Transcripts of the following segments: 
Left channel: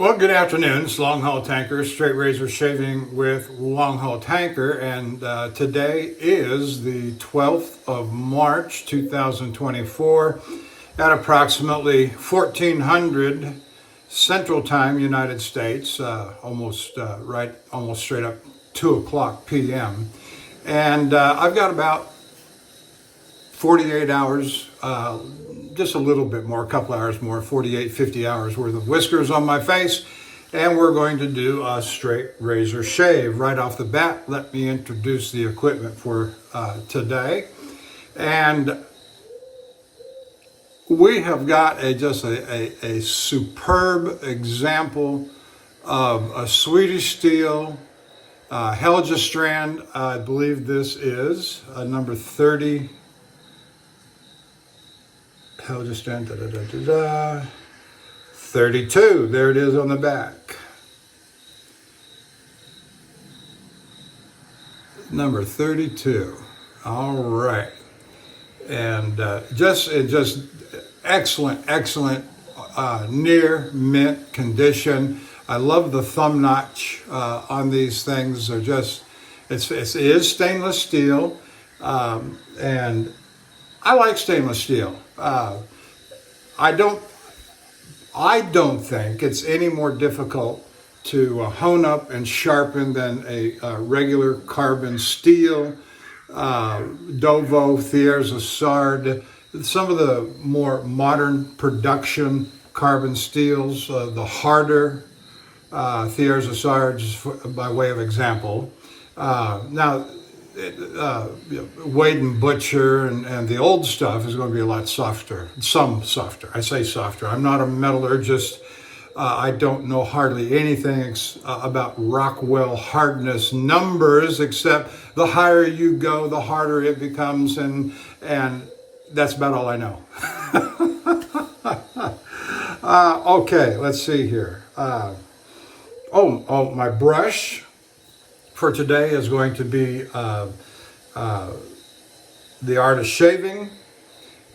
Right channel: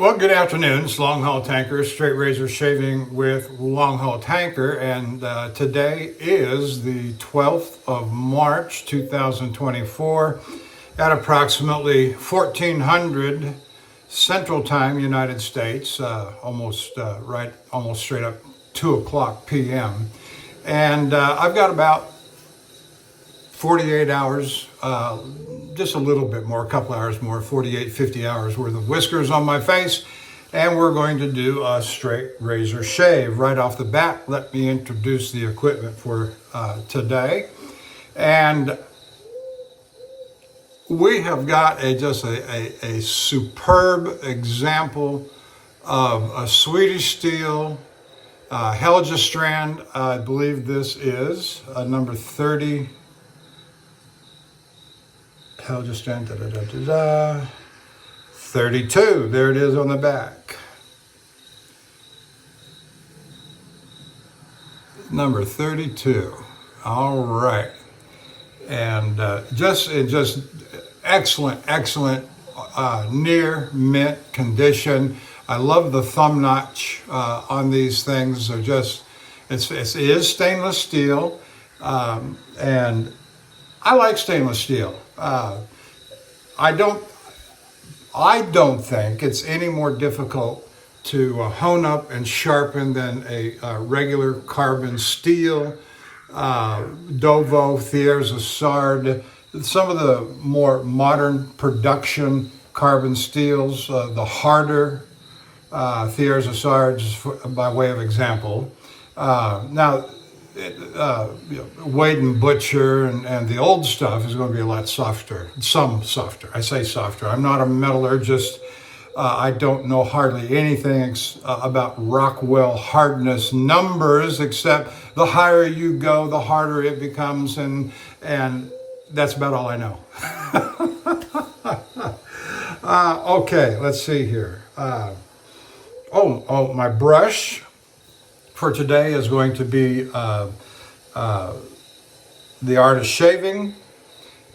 Well, good afternoon. It's Longhaultanker, straight razor shaving with Longhaultanker, and today is the 12th of March, 2024, at approximately 1400 Central Time, United States, almost straight up 2 o'clock p.m. And I've got about 48 hours, just a little bit more, a couple hours more, 48, 50 hours worth of whiskers on my face. And we're going to do a straight razor shave. Right off the bat, let me introduce the equipment for today. And we have got a superb example of a Swedish steel Helga strand. I believe this is number 30. Helga strand, 32. There it is on the back. Number 32. All right. And just excellent, near mint condition. I love the thumb notch on these things. They're just, it is stainless steel, and I like stainless steel. I don't think it's any more difficult to hone up and sharpen than a regular carbon steel, Dovo, Thiers, Sard, some of the more modern production carbon steels, the harder Thiers, Sards, by way of example. Now, Wade and Butcher and the old stuff is going to be a lot softer, some softer. I say softer. I'm not a metallurgist. I don't know hardly anything about Rockwell hardness numbers, except the higher you go, the harder it becomes, and that's about all I know. Okay, let's see here. My brush for today is going to be the Artist Shaving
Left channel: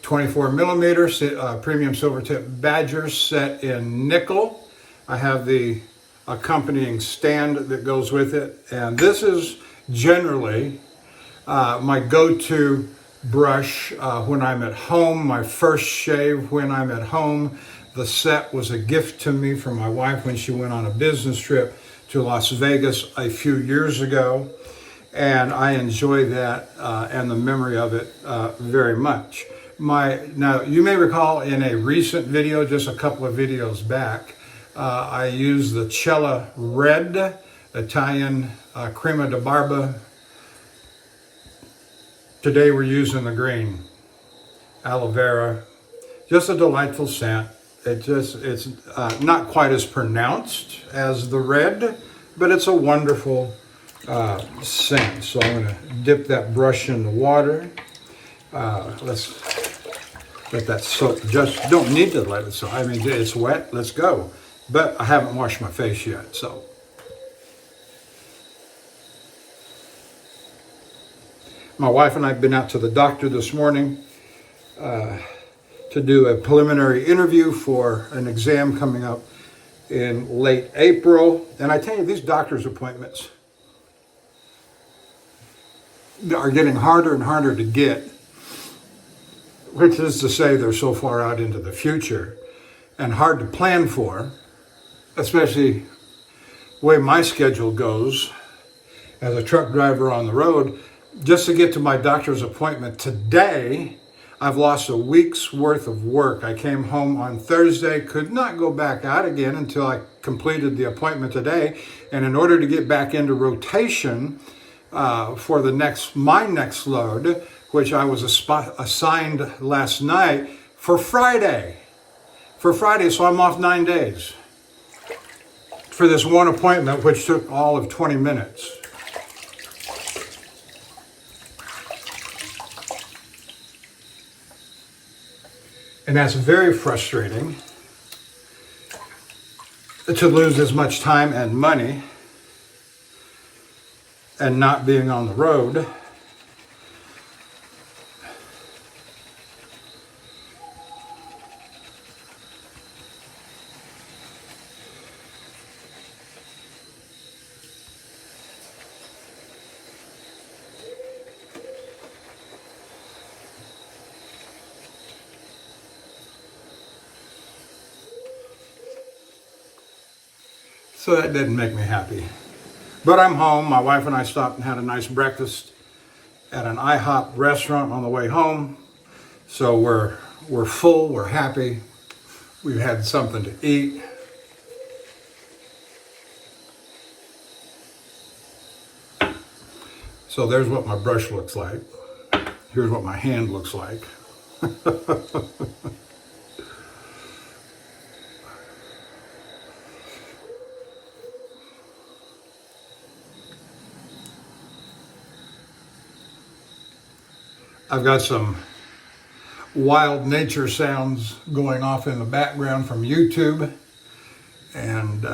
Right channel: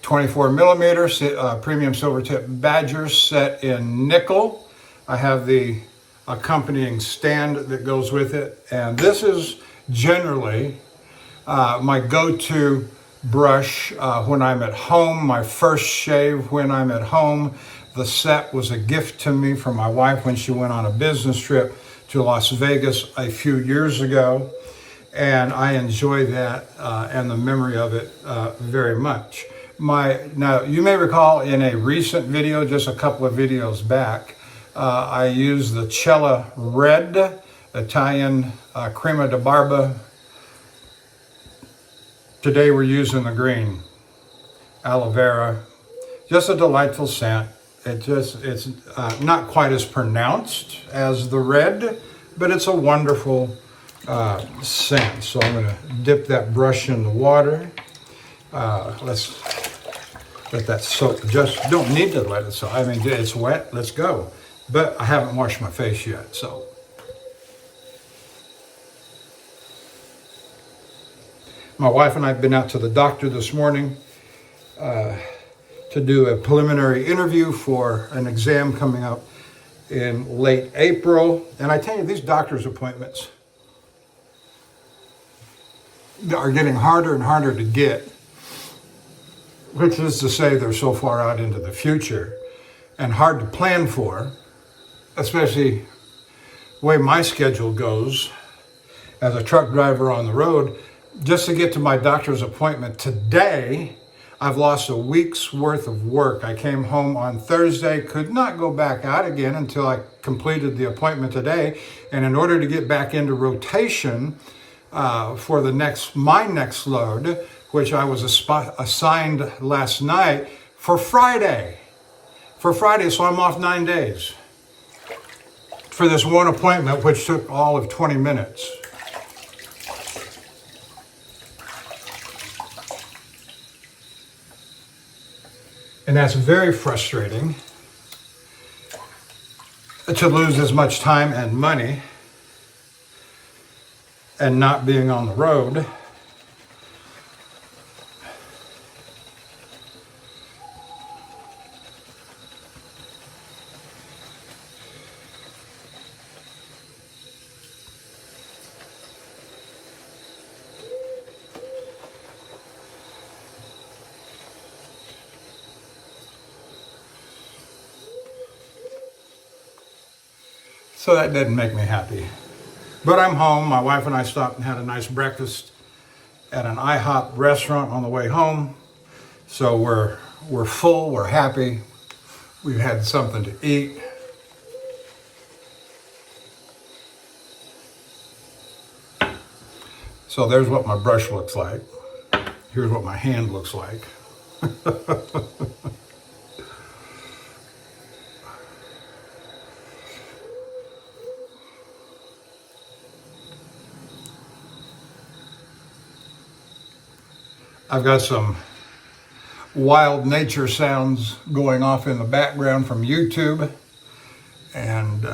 24 millimeter premium silver tip badger set in nickel. I have the accompanying stand that goes with it, and this is generally my go-to brush when I'm at home, my first shave when I'm at home. The set was a gift to me from my wife when she went on a business trip to Las Vegas a few years ago, and I enjoy that and the memory of it very much. Now, you may recall in a recent video, just a couple of videos back, I used the Cella Red Italian Crema di Barba. Today we're using the green aloe vera. Just a delightful scent. It's not quite as pronounced as the red, but it's a wonderful scent. So I'm going to dip that brush in the water. Let's let that soak. Just don't need to let it soak. I mean, it's wet. Let's go. But I haven't washed my face yet, so. My wife and I have been out to the doctor this morning to do a preliminary interview for an exam coming up in late April. And I tell you, these doctor's appointments are getting harder and harder to get, which is to say they're so far out into the future and hard to plan for, especially the way my schedule goes as a truck driver on the road. Just to get to my doctor's appointment today, I've lost a week's worth of work. I came home on Thursday, could not go back out again until I completed the appointment today. And in order to get back into rotation for my next load, which I was assigned last night for Friday. So I'm off 9 days for this one appointment, which took all of 20 minutes. And that's very frustrating to lose as much time and money and not being on the road. So that didn't make me happy. But I'm home. My wife and I stopped and had a nice breakfast at an IHOP restaurant on the way home. So we're full, we're happy. We've had something to eat. So there's what my brush looks like. Here's what my hand looks like. I've got some wild nature sounds going off in the background from YouTube. And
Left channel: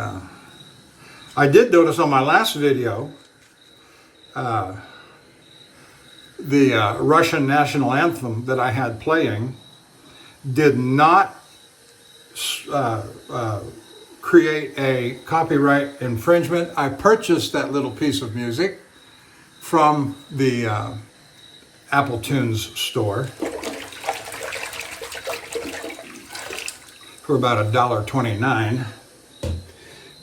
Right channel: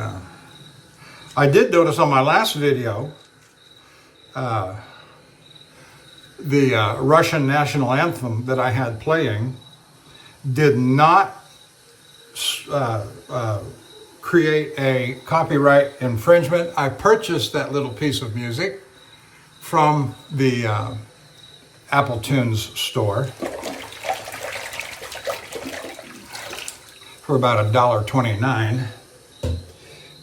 I did notice on my last video, the Russian national anthem that I had playing did not create a copyright infringement. I purchased that little piece of music from the Apple Tunes store for about $1.29.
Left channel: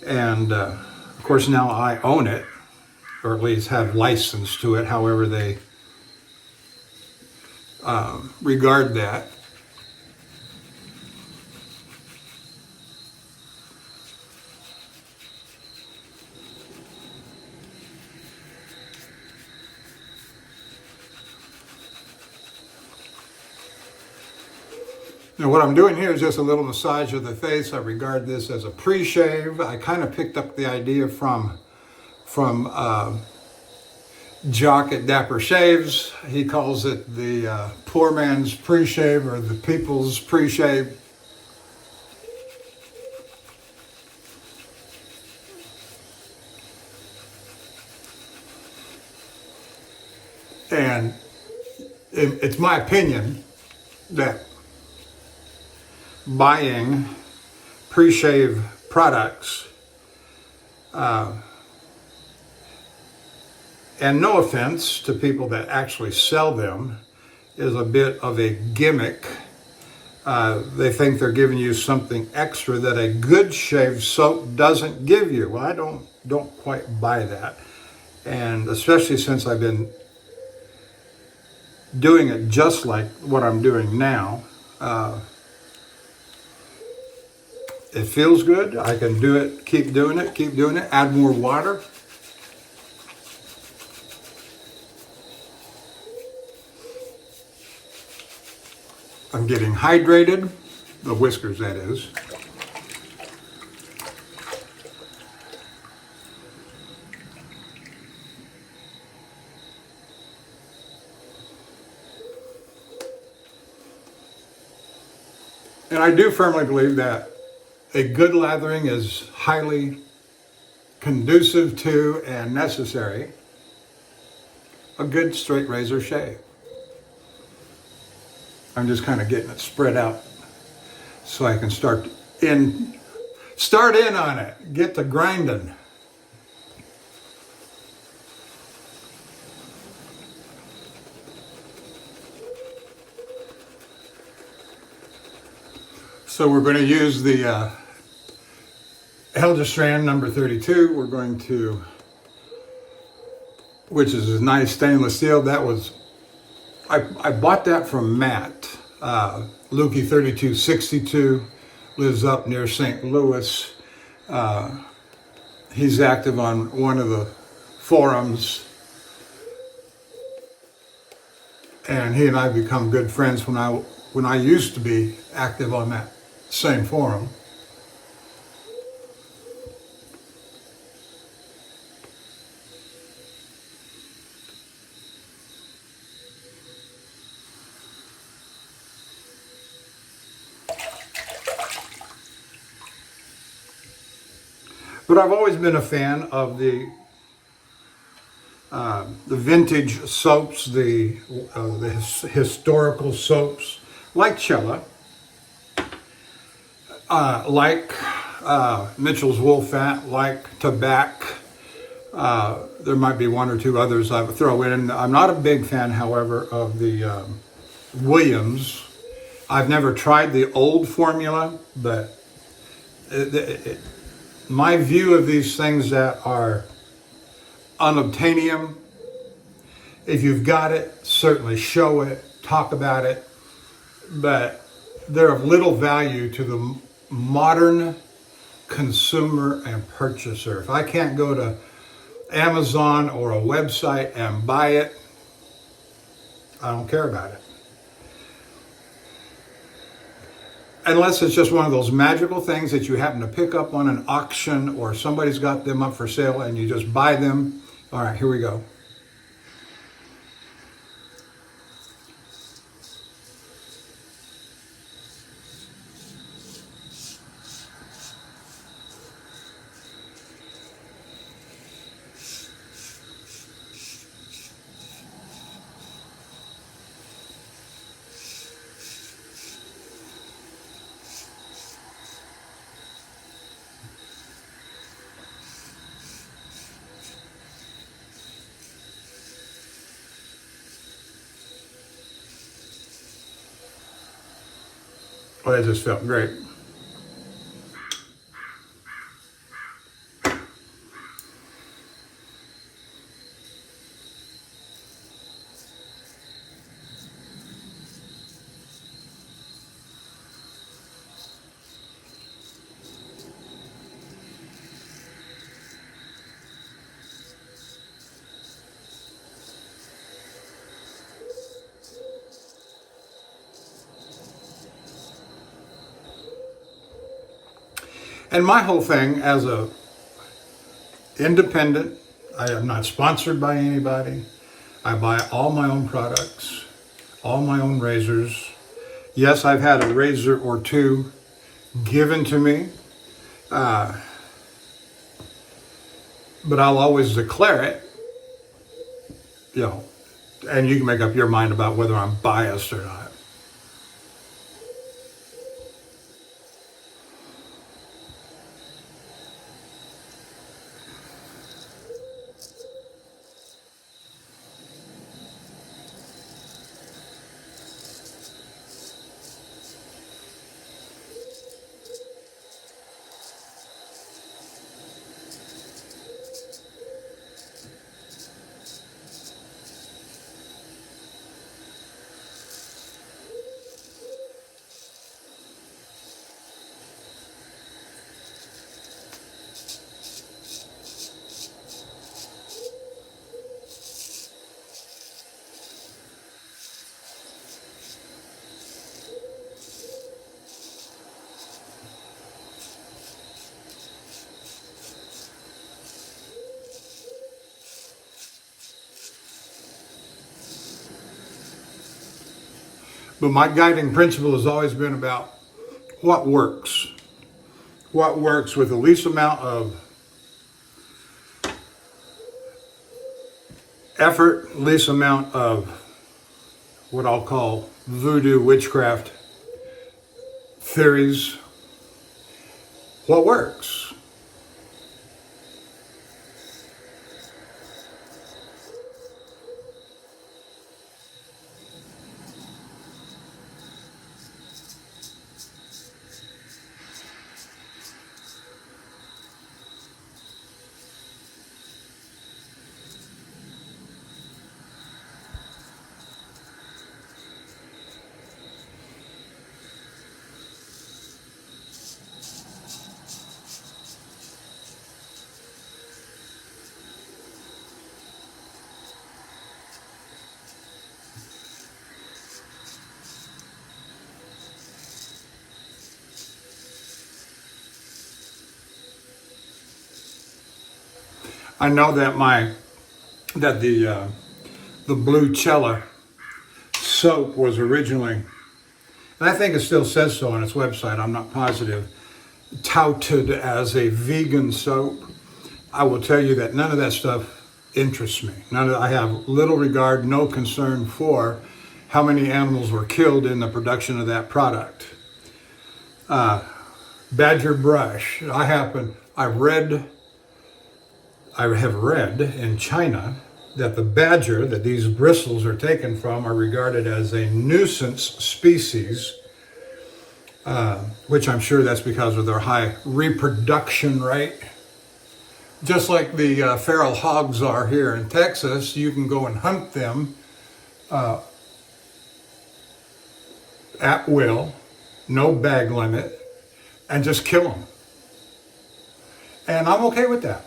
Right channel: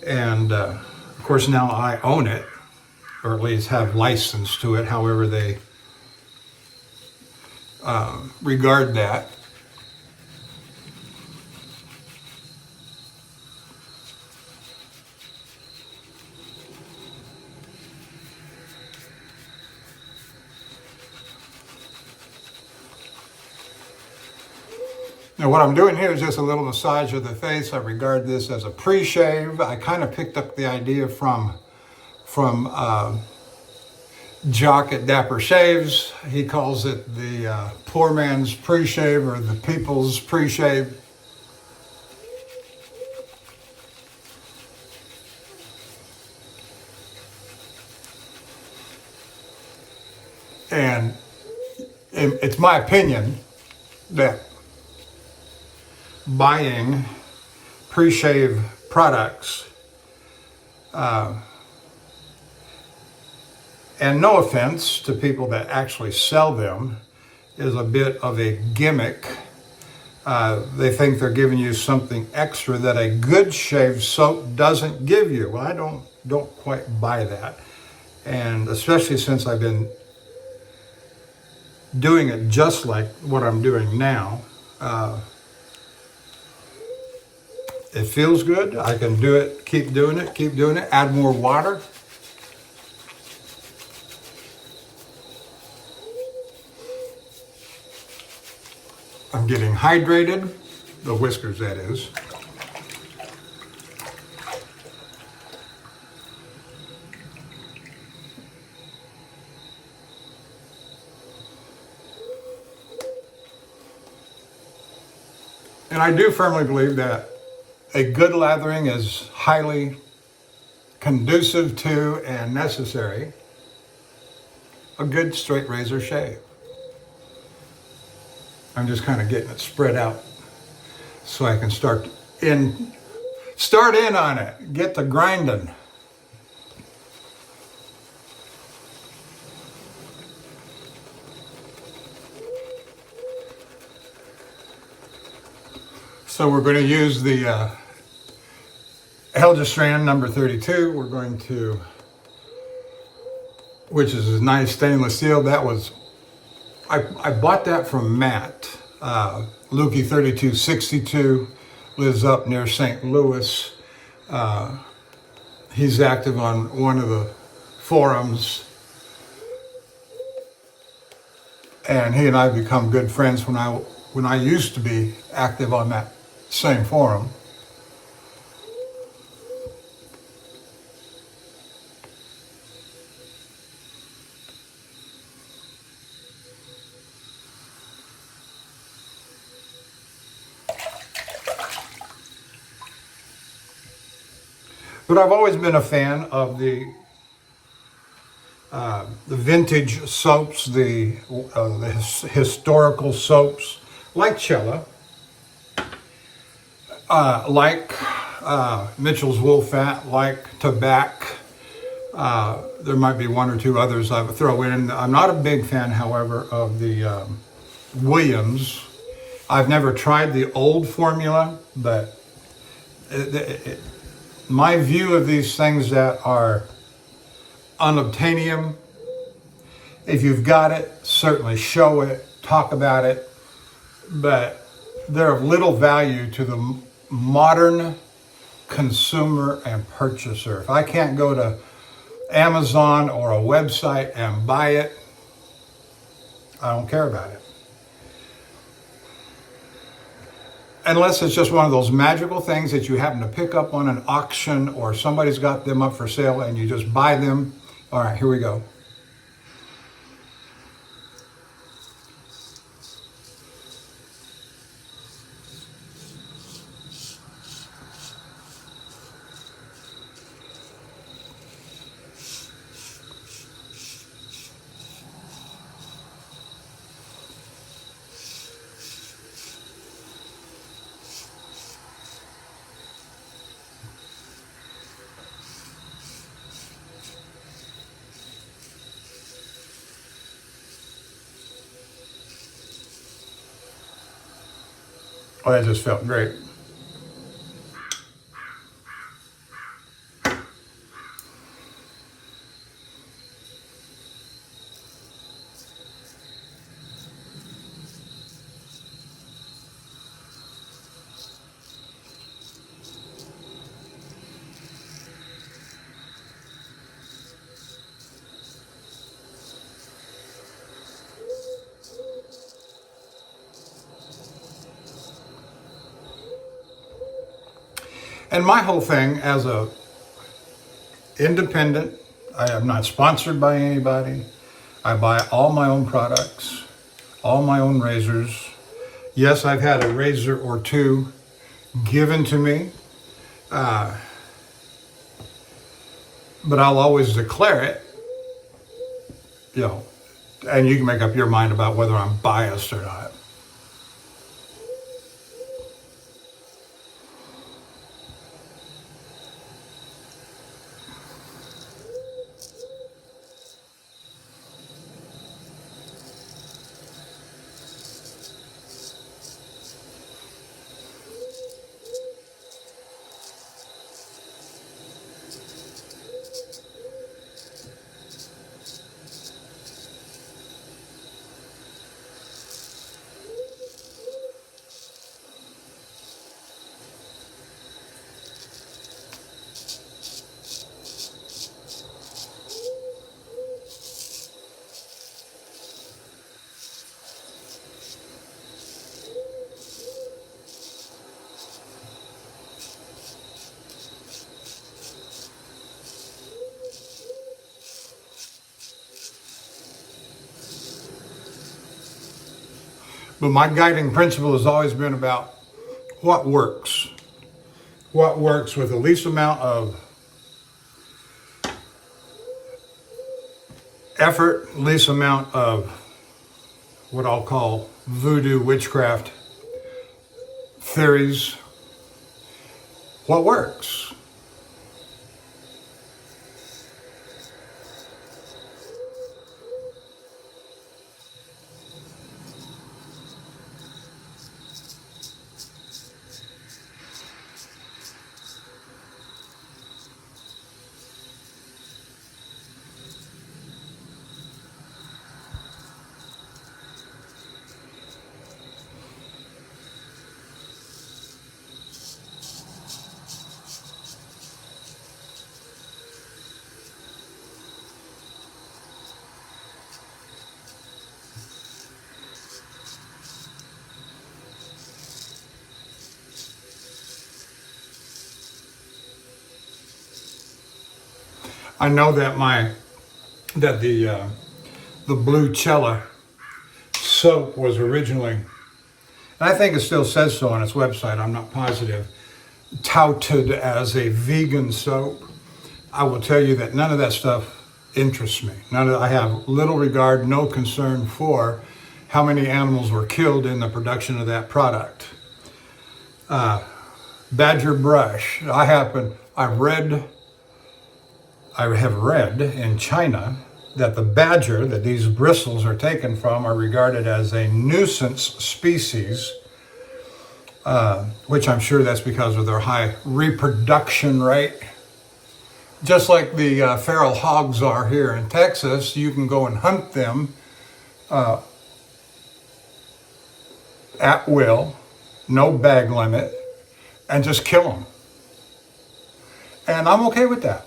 And of course now I own it, or at least have license to it, however they regard that. Now what I'm doing here is just a little massage of the face. I regard this as a pre-shave. I kind of picked up the idea from Jock at Dapper Shaves. He calls it the poor man's pre-shave or the people's pre-shave. And it's my opinion that buying pre-shave products, and no offense to people that actually sell them, is a bit of a gimmick. They think they're giving you something extra that a good shave soap doesn't give you. Well, I don't quite buy that. And especially since I've been doing it just like what I'm doing now, it feels good. I can do it, keep doing it, add more water. I'm getting hydrated, the whiskers that is. And I do firmly believe that a good lathering is highly conducive to and necessary a good straight razor shave. I'm just kind of getting it spread out so I can start in on it, get the grinding. So we're going to use the Helgestrand number 32. We're going to, which is a nice stainless steel. That was, I bought that from Matt. Lukey 3262 lives up near St. Louis. He's active on one of the forums. And he and I become good friends when I used to be active on that same forum. But I've always been a fan of the vintage soaps, the historical soaps, like Cella, like Mitchell's Wool Fat, like Tabac. There might be one or two others I would throw in. I'm not a big fan, however, of the Williams. I've never tried the old formula, but my view of these things that are unobtainium, if you've got it, certainly show it, talk about it, but they're of little value to the modern consumer and purchaser. If I can't go to Amazon or a website and buy it, I don't care about it. Unless it's just one of those magical things that you happen to pick up on an auction or somebody's got them up for sale and you just buy them. All right, here we go. Oh, that just felt great. And my whole thing as a independent, I am not sponsored by anybody. I buy all my own products, all my own razors. Yes, I've had a razor or two given to me, but I'll always declare it, and you can make up your mind about whether I'm biased or not. But my guiding principle has always been about what works. What works with the least amount of effort, least amount of what I'll call voodoo witchcraft theories. What works? I know that the blue cella soap was originally, and I think it still says so on its website, I'm not positive, touted as a vegan soap. I will tell you that none of that stuff interests me. I have little regard, no concern for how many animals were killed in the production of that product. Badger brush. I have read in China that the badger that these bristles are taken from are regarded as a nuisance species. which I'm sure that's because of their high reproduction rate. Just like the feral hogs are here in Texas, you can go and hunt them at will, no bag limit, and just kill them. And I'm okay with that.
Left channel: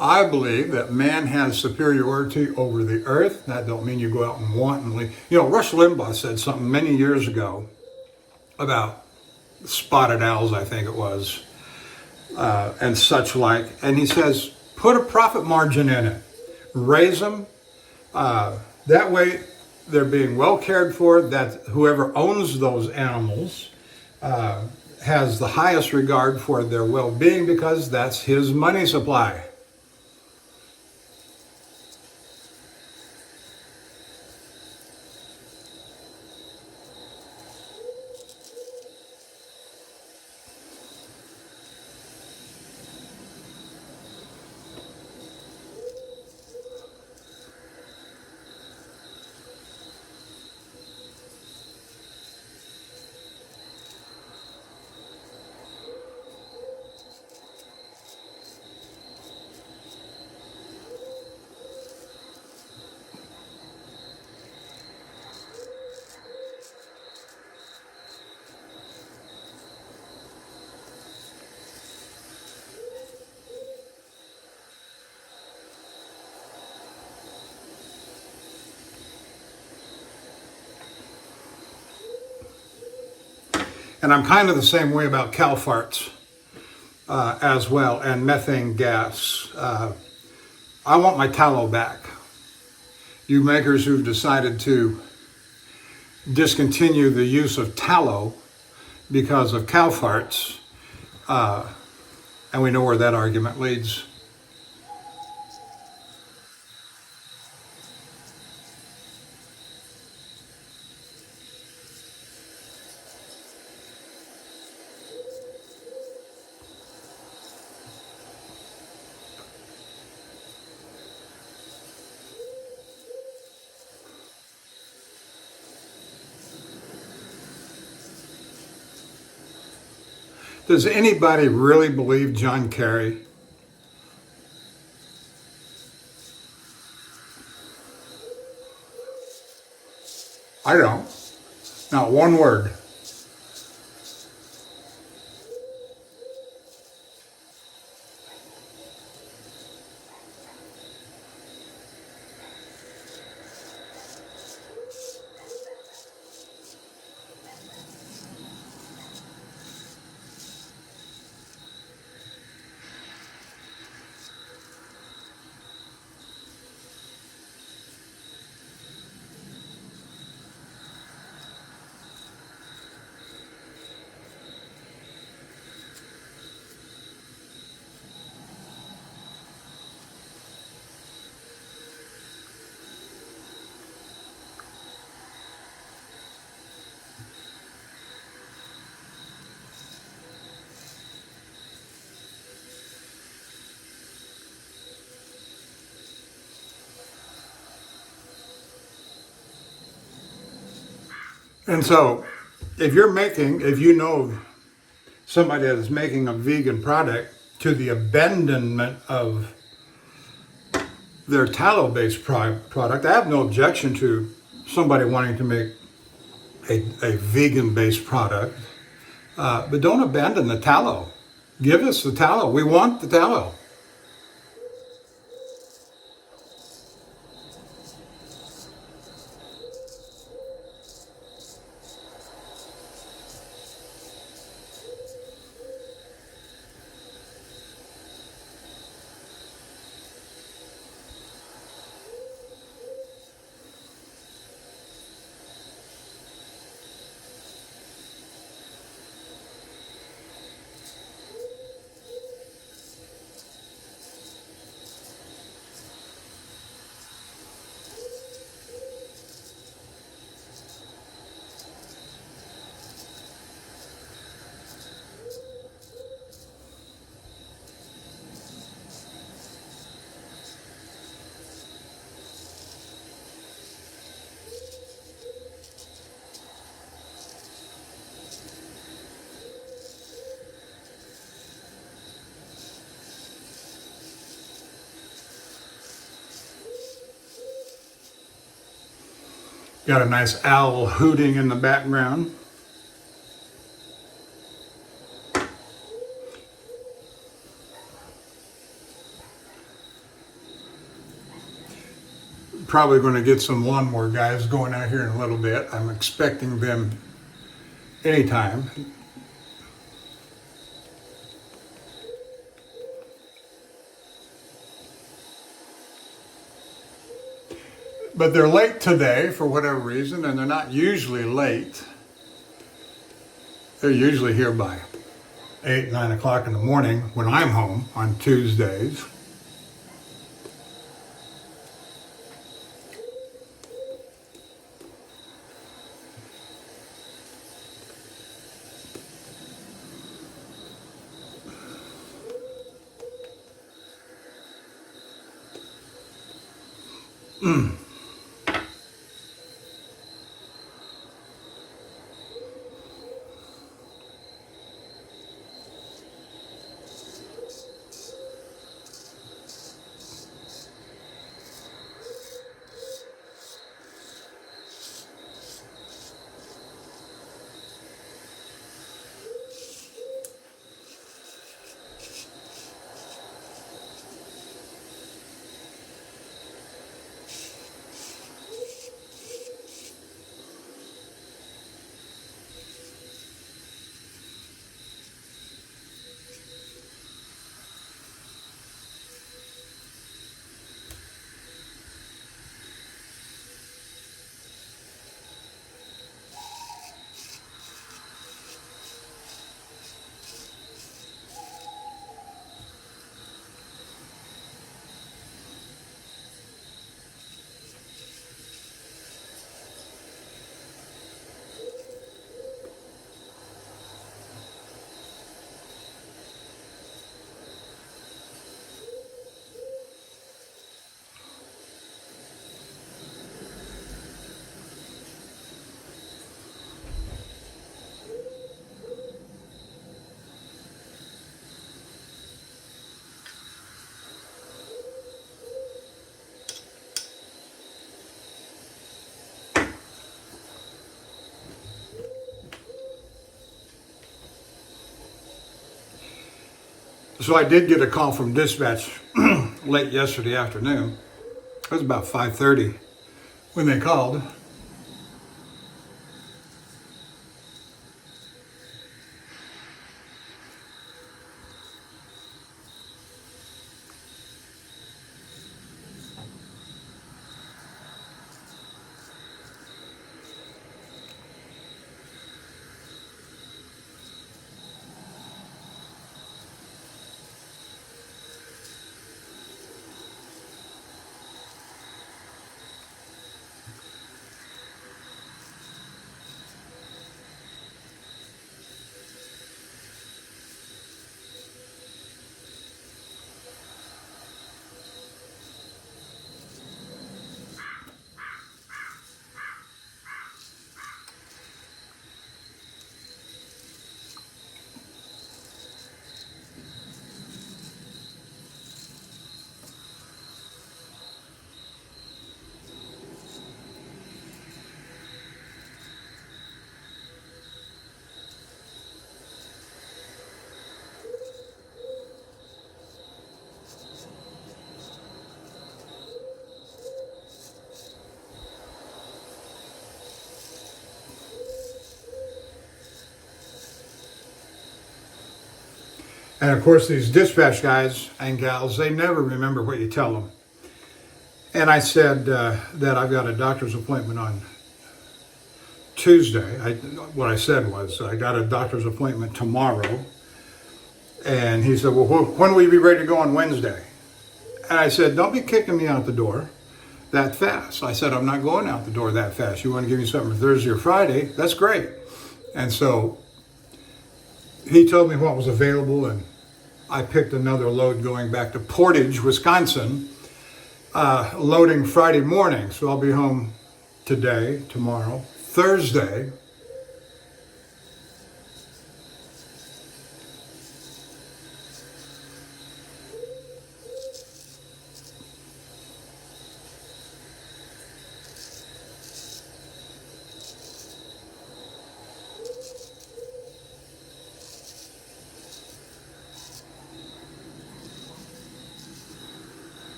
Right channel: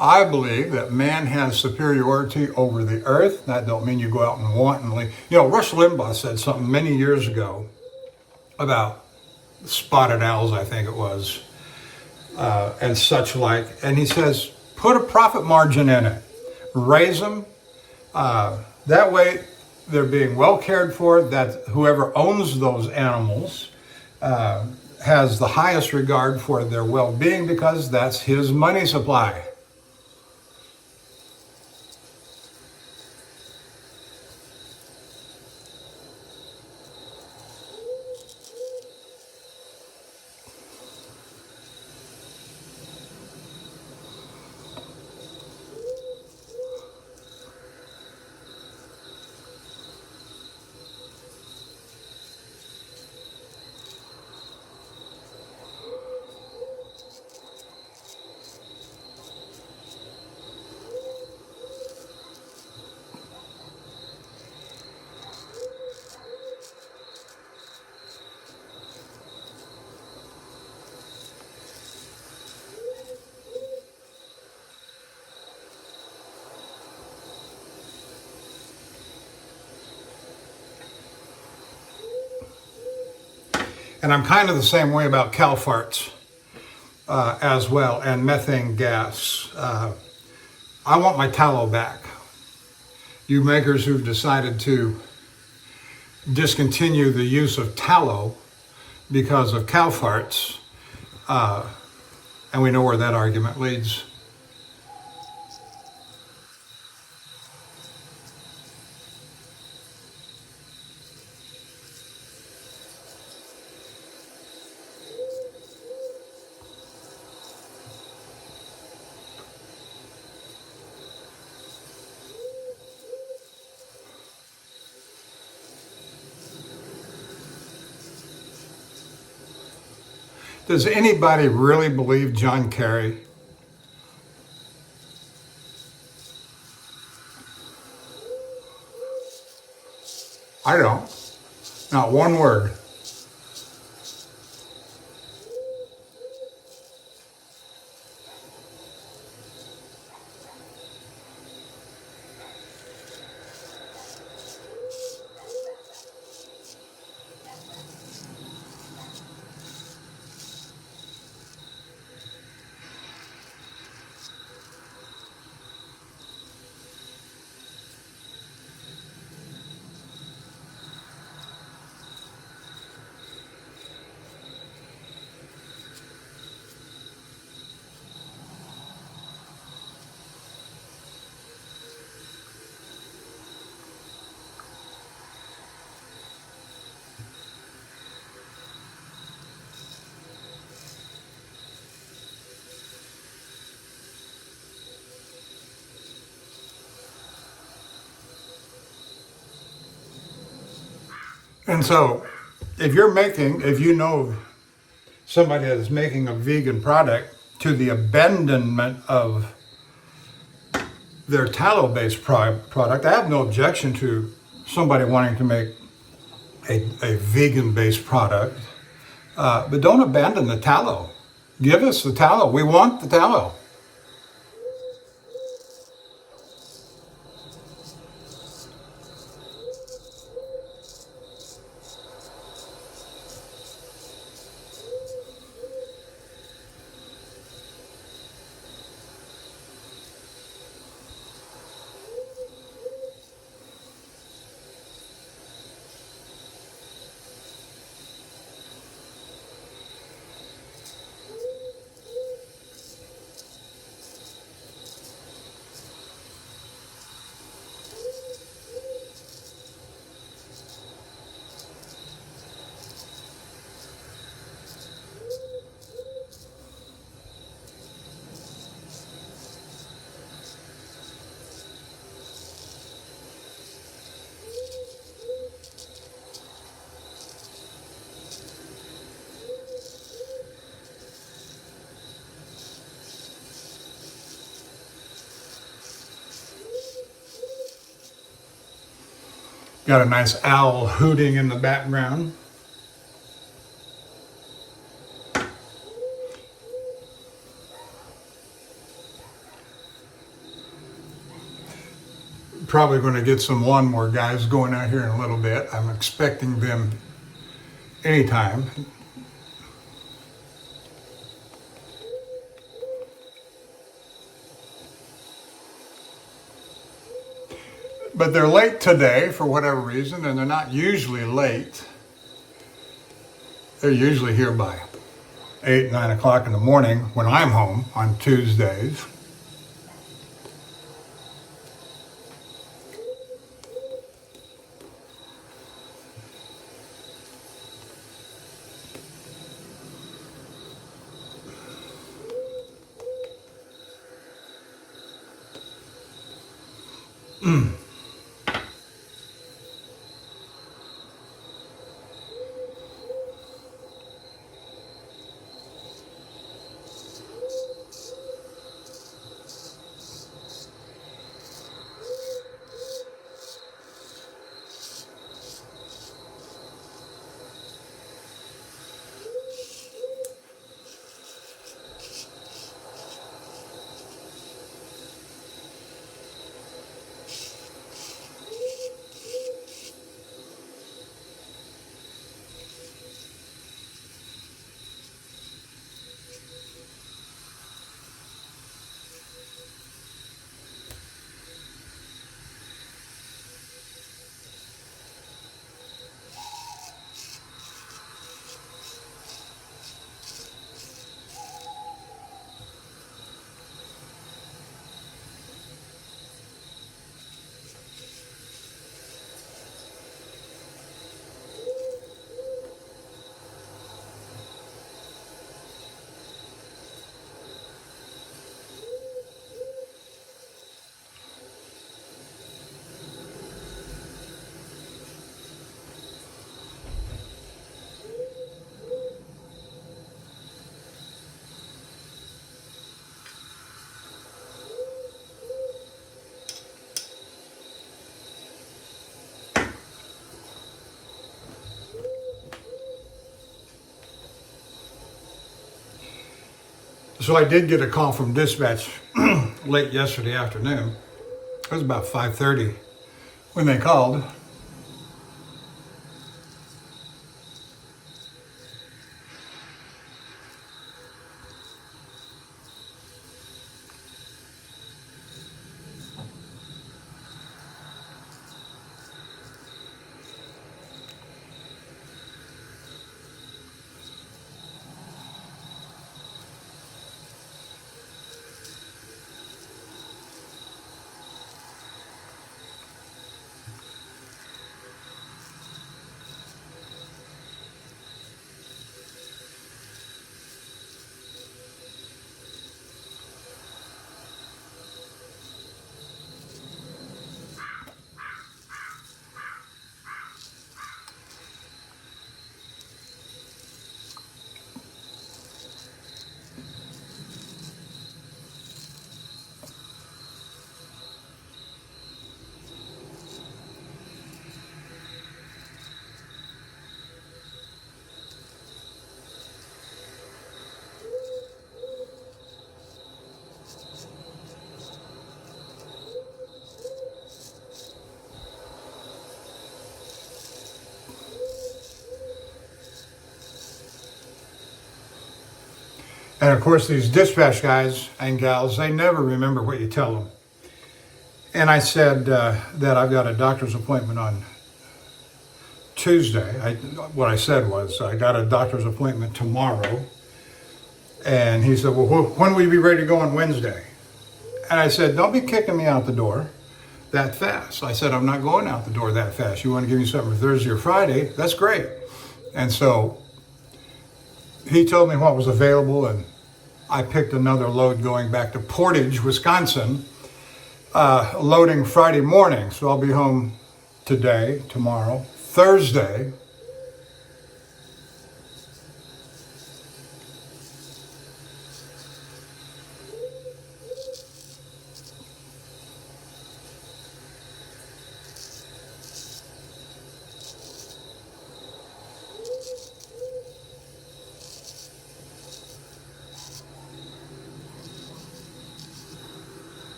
I believe that man has superiority over the earth. That don't mean you go out and wantonly. Rush Limbaugh said something many years ago about spotted owls, I think it was, and such like. And he says, put a profit margin in it. Raise them. That way they're being well cared for. That whoever owns those animals has the highest regard for their well-being because that's his money supply. And I'm kind of the same way about cow farts as well, and methane gas. I want my tallow back. You makers who've decided to discontinue the use of tallow because of cow farts, and we know where that argument leads. Does anybody really believe John Kerry? I don't. Not one word. And so, if you know somebody that is making a vegan product to the abandonment of their tallow-based product, I have no objection to somebody wanting to make a vegan-based product, but don't abandon the tallow. Give us the tallow. We want the tallow. Got a nice owl hooting in the background. Probably going to get some lawnmower guys going out here in a little bit. I'm expecting them anytime. But they're late today for whatever reason, and they're not usually late. They're usually here by 8, 9 o'clock in the morning when I'm home on Tuesdays. So I did get a call from dispatch late yesterday afternoon. It was about 5:30 when they called. And of course, these dispatch guys and gals, they never remember what you tell them. And I said that I've got a doctor's appointment on Tuesday. What I said was, I got a doctor's appointment tomorrow. And he said, well, when will you be ready to go on Wednesday? And I said, don't be kicking me out the door that fast. I said, I'm not going out the door that fast. You want to give me something for Thursday or Friday? That's great. And so he told me what was available, and I picked another load going back to Portage, Wisconsin, loading Friday morning. So I'll be home today, tomorrow, Thursday.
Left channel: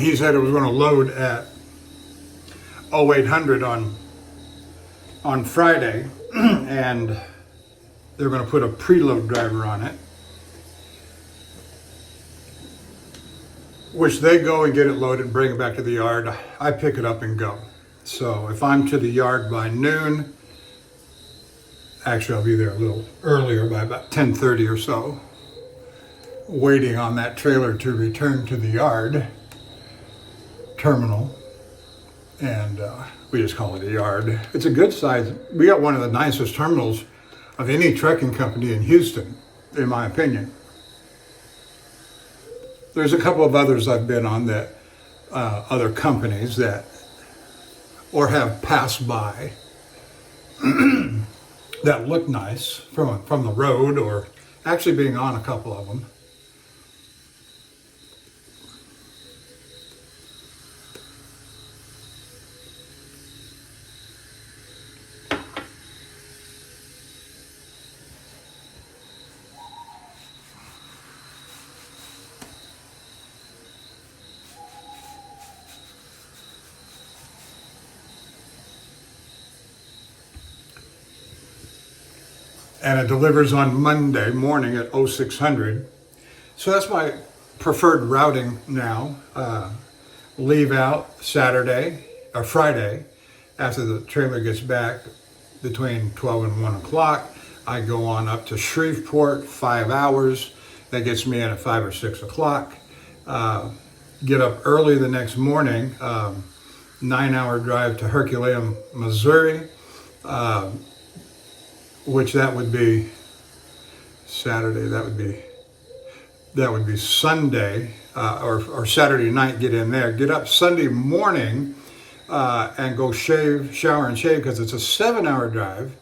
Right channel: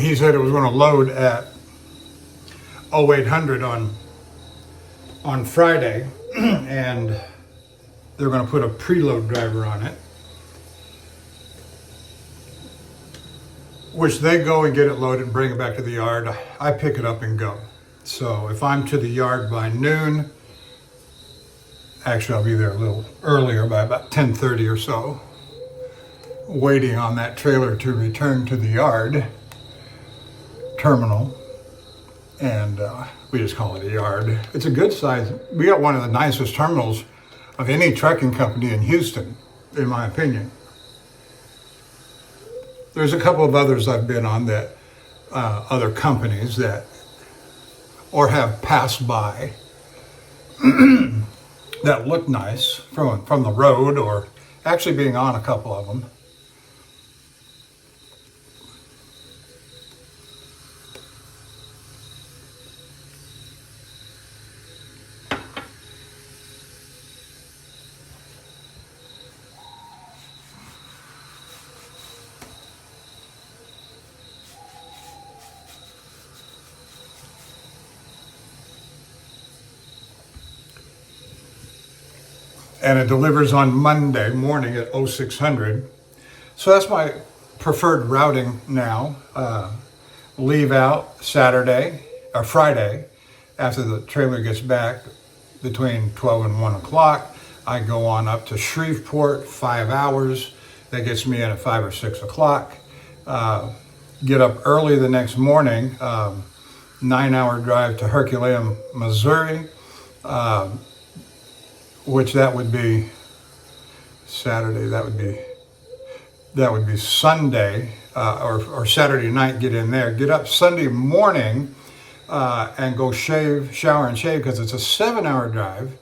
he said it was going to load at 0800 on Friday, and they're going to put a preload driver on it, which they go and get it loaded and bring it back to the yard. I pick it up and go. So if I'm to the yard by noon, actually I'll be there a little earlier, by about 10:30 or so, waiting on that trailer to return to the yard terminal. And we just call it a yard. It's a good size. We got one of the nicest terminals of any trucking company in Houston, in my opinion. There's a couple of others I've been on that, other companies that, or have passed by, that look nice from the road, or actually being on a couple of them. And it delivers on Monday morning at 0600. So that's my preferred routing now. Leave out Saturday or Friday after the trailer gets back between 12 and 1 o'clock. I go on up to Shreveport, 5 hours. That gets me in at 5 or 6 o'clock. Get up early the next morning, 9-hour drive to Herculaneum, Missouri. Which that would be Saturday, that would be Sunday, or Saturday night, get in there, get up Sunday morning, and go shower and shave, because it's a 7-hour drive,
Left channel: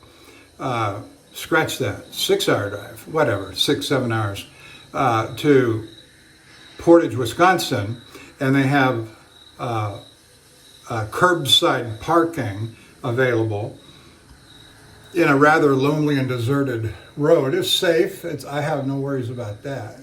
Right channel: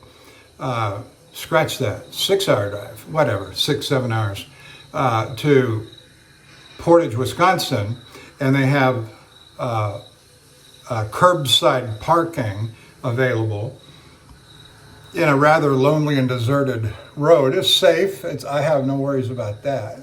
scratch that, 6-hour drive, whatever, 6-7 hours, to Portage, Wisconsin, and they have curbside parking available in a rather lonely and deserted road. It's safe. I have no worries about that.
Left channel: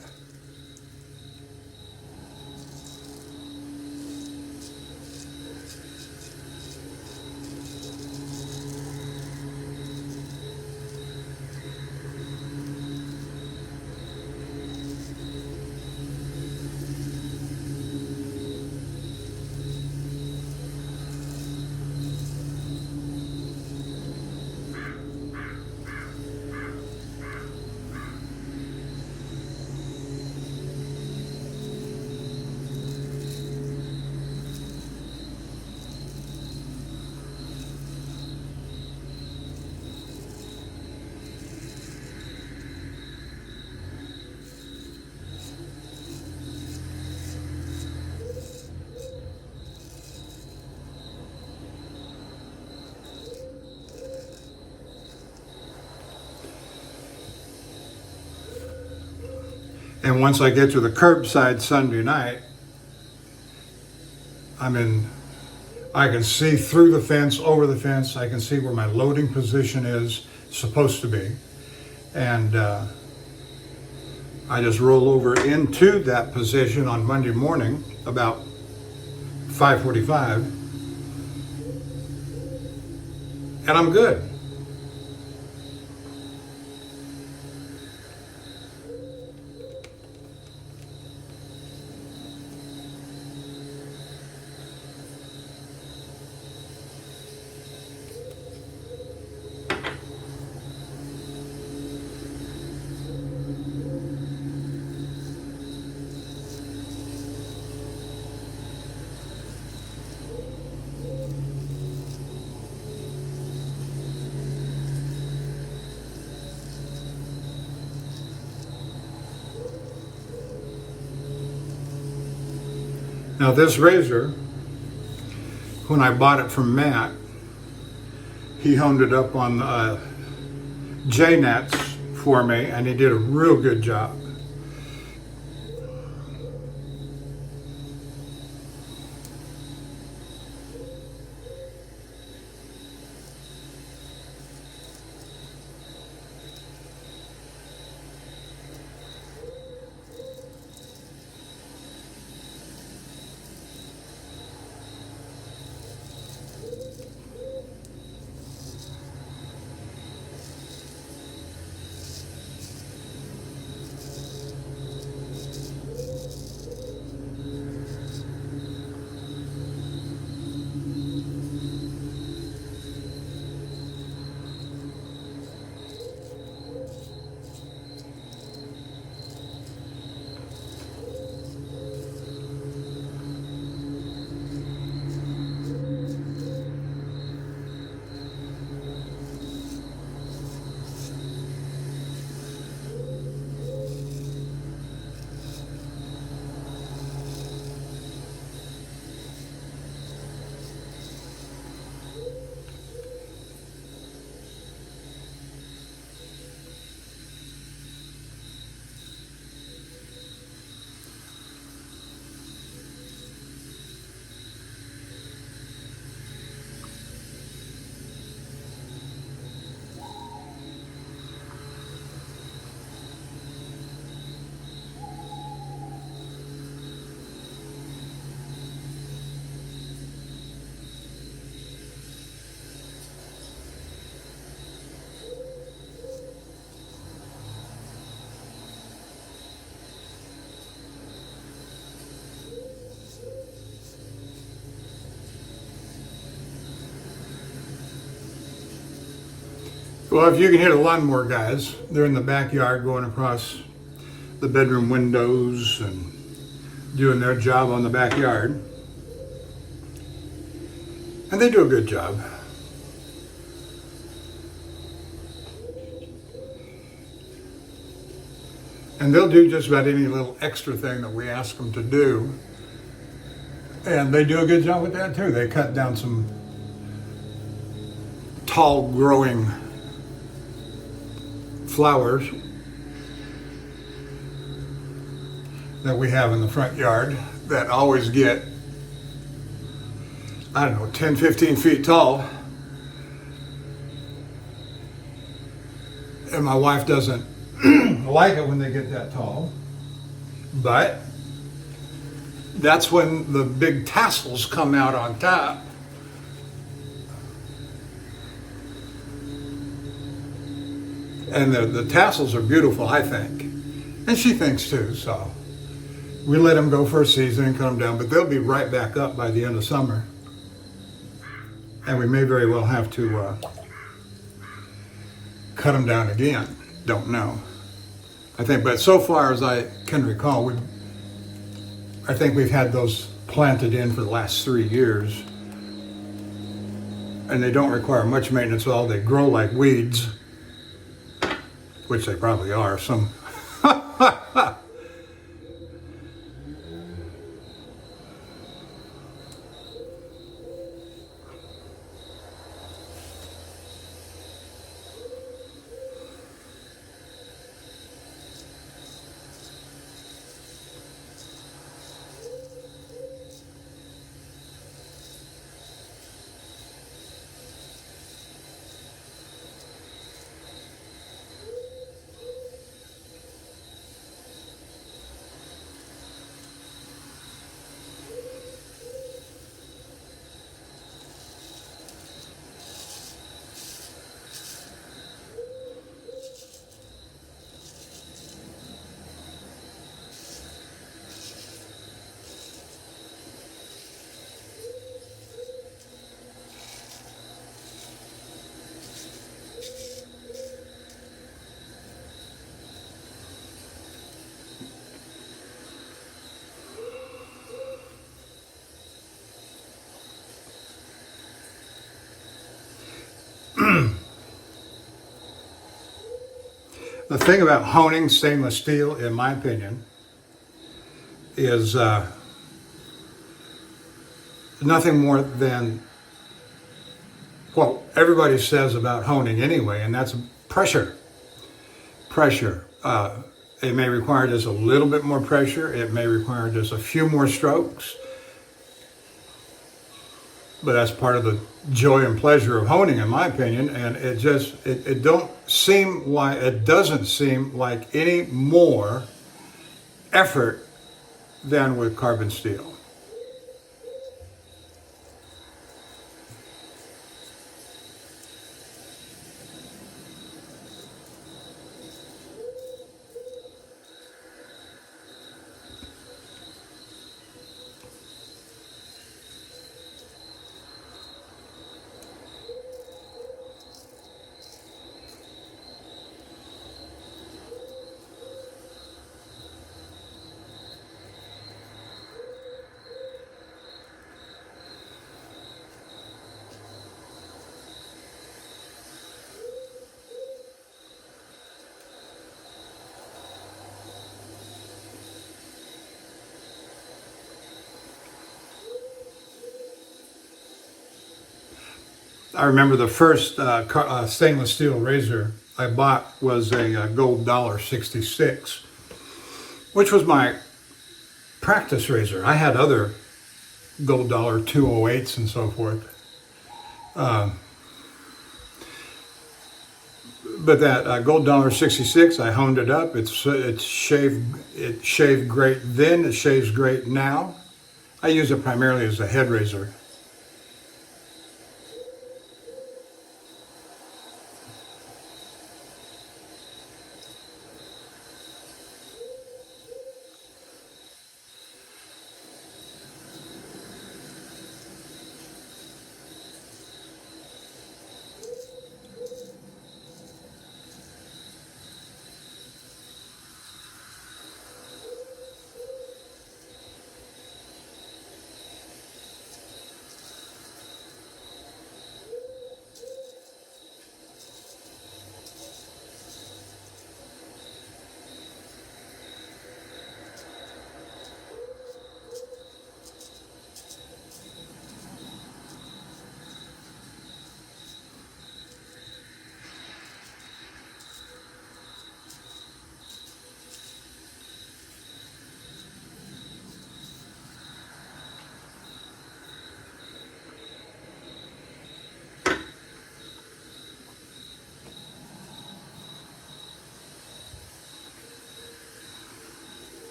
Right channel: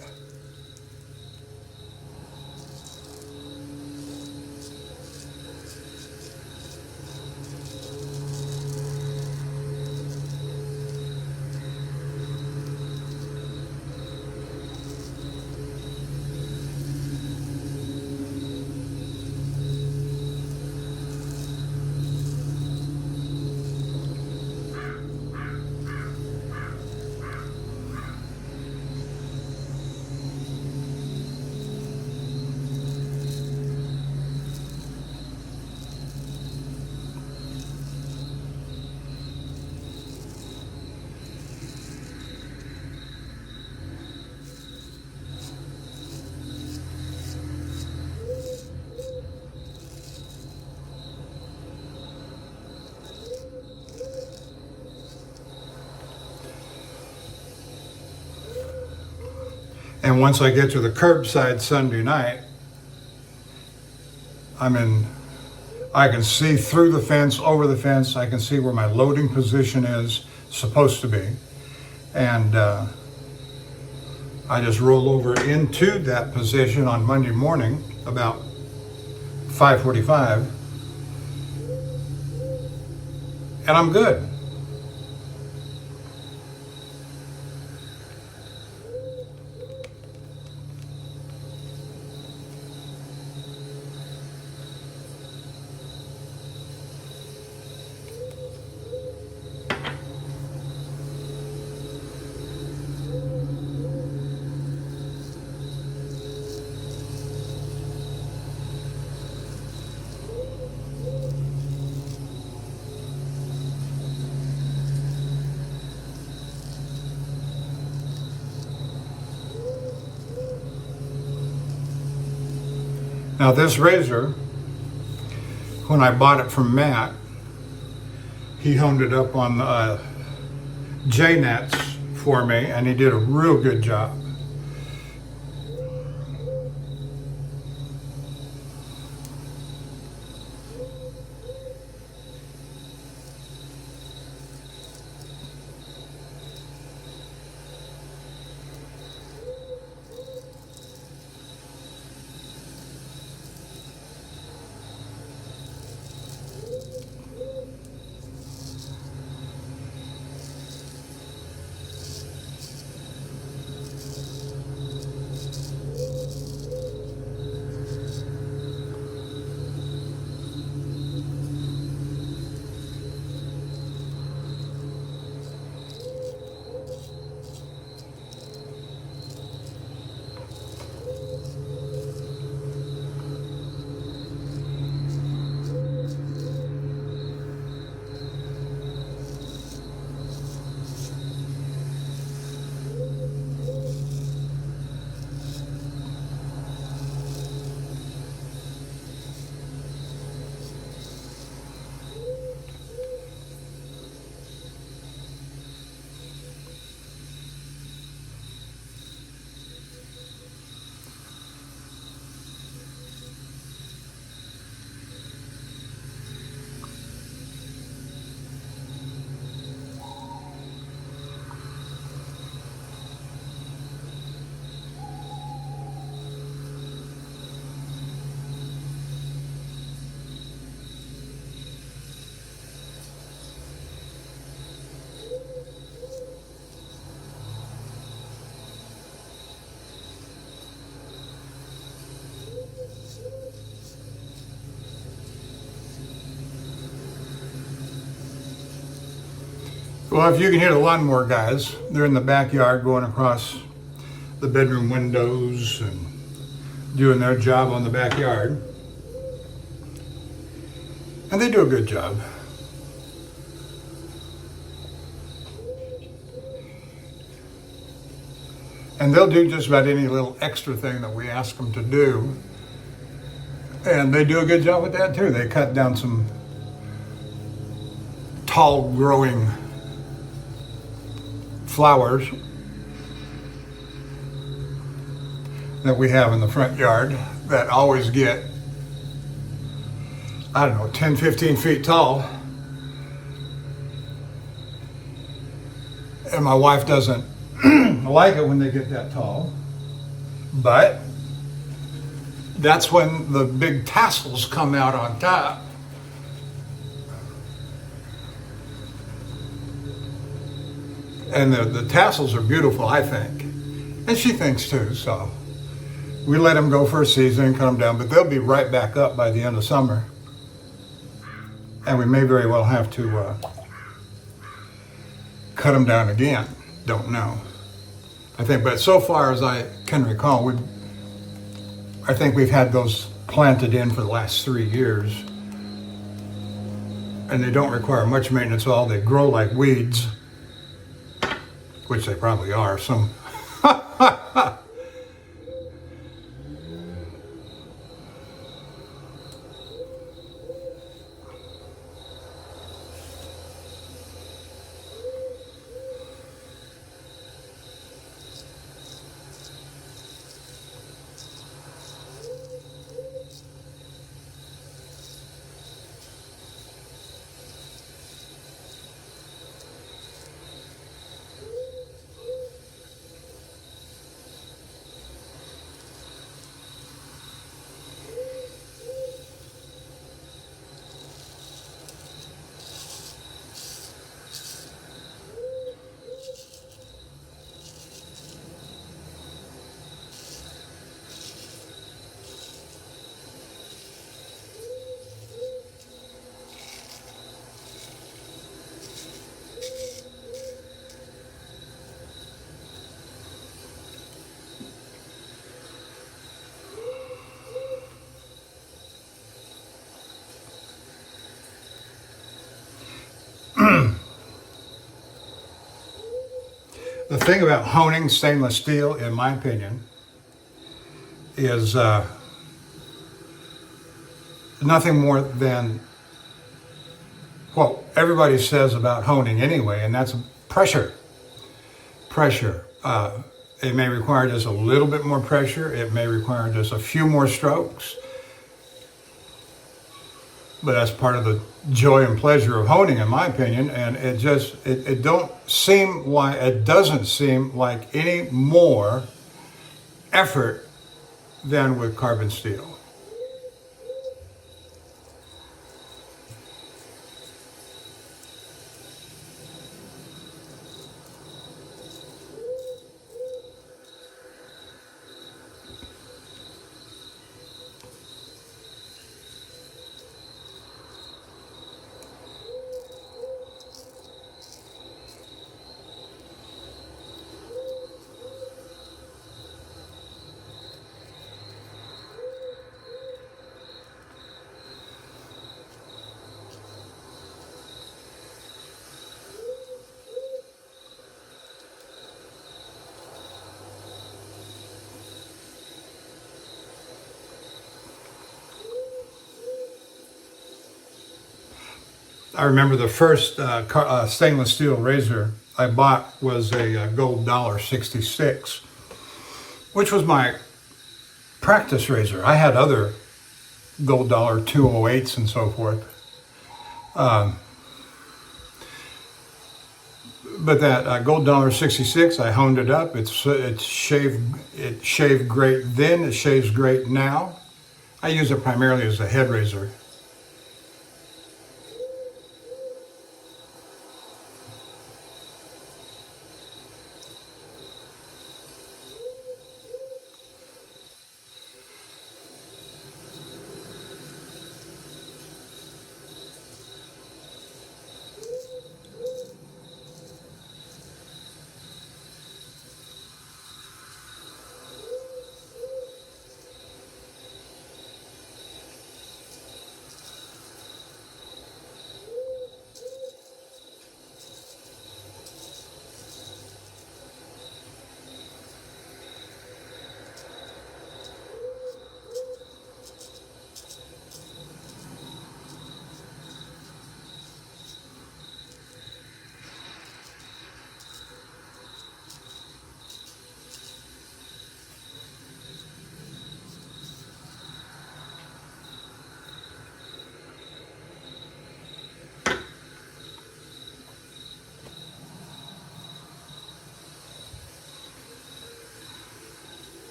And once I get to the curbside Sunday night, I can see through the fence, over the fence. I can see where my loading position is supposed to be. And I just roll over into that position on Monday morning about 5:45, and I'm good. Now this razor, when I bought it from Matt, he honed it up on J-nets for me, and he did a real good job. Well, if you can hear the lawnmower guys, they're in the backyard going across the bedroom windows and doing their job on the backyard. And they do a good job. And they'll do just about any little extra thing that we ask them to do. And they do a good job with that too. They cut down some tall growing flowers that we have in the front yard that always get, I don't know, 10, 15 feet tall. And my wife doesn't like it when they get that tall. But that's when the big tassels come out on top. And the tassels are beautiful, I think. And she thinks too, so we let them go for a season and cut them down, but they'll be right back up by the end of summer. And we may very well have to cut them down again. Don't know. I think, but so far as I can recall, I think we've had those planted in for the last 3 years. And they don't require much maintenance at all. They grow like weeds, which they probably are. Some the thing about honing stainless steel, in my opinion, is nothing more than what everybody says about honing anyway, and that's pressure. Pressure. It may require just a little bit more pressure. It may require just a few more strokes. But that's part of the joy and pleasure of honing, in my opinion. And it doesn't seem like any more effort than with carbon steel. I remember the first stainless steel razor I bought was a gold $1.66, which was my practice razor. I had other gold $2.08s and so forth. But that gold $1.66, I honed it up. It shaved great then. It shaves great now. I use it primarily as a head razor.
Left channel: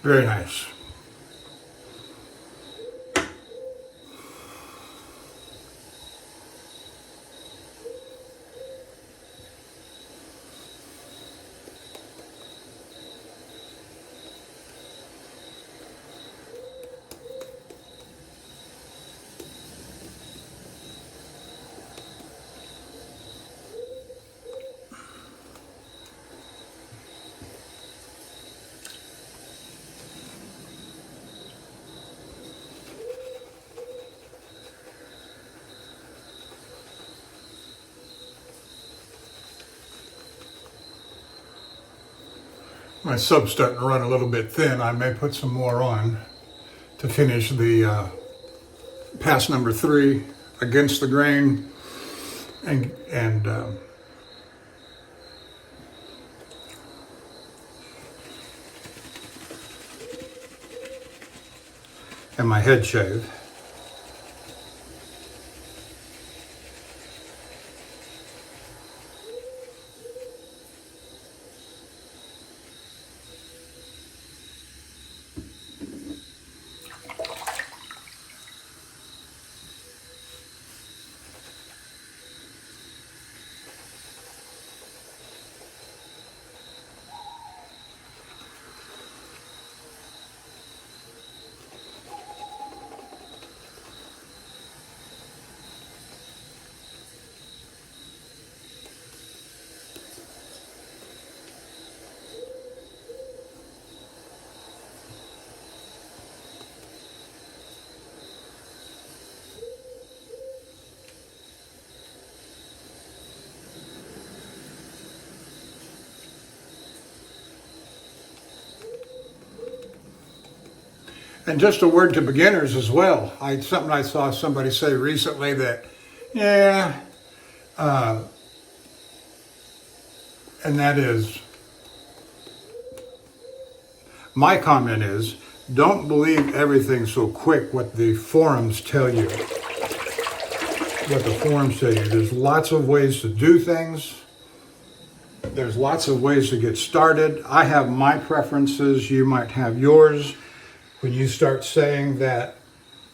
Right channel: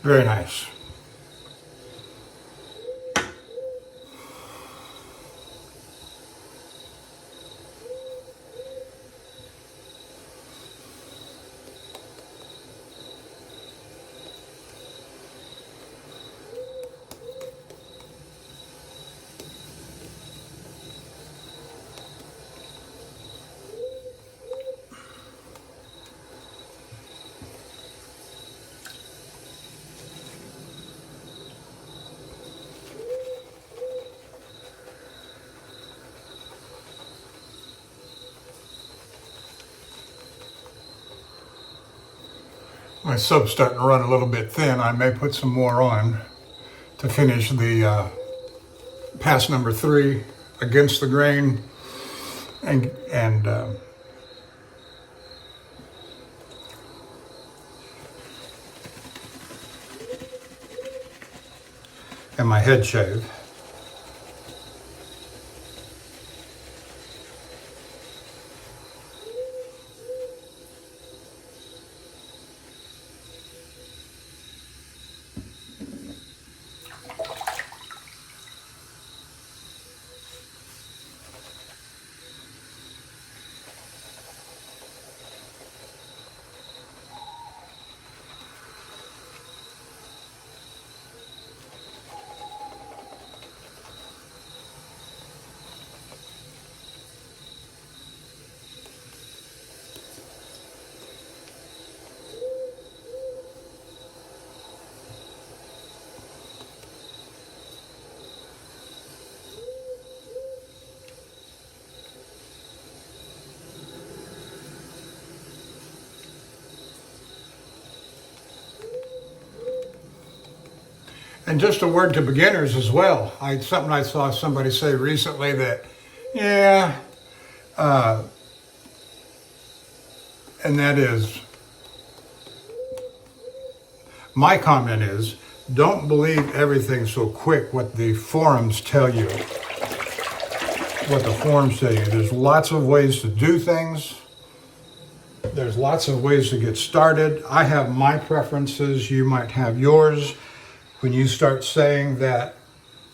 Very nice. My sub's starting to run a little bit thin. I may put some more on to finish the pass number 3 against the grain and my head shave. And just a word to beginners as well. Something I saw somebody say recently that, yeah, and that is, my comment is, don't believe everything so quick what the forums tell you. What the forums tell you. There's lots of ways to do things. There's lots of ways to get started. I have my preferences. You might have yours. When you start saying that,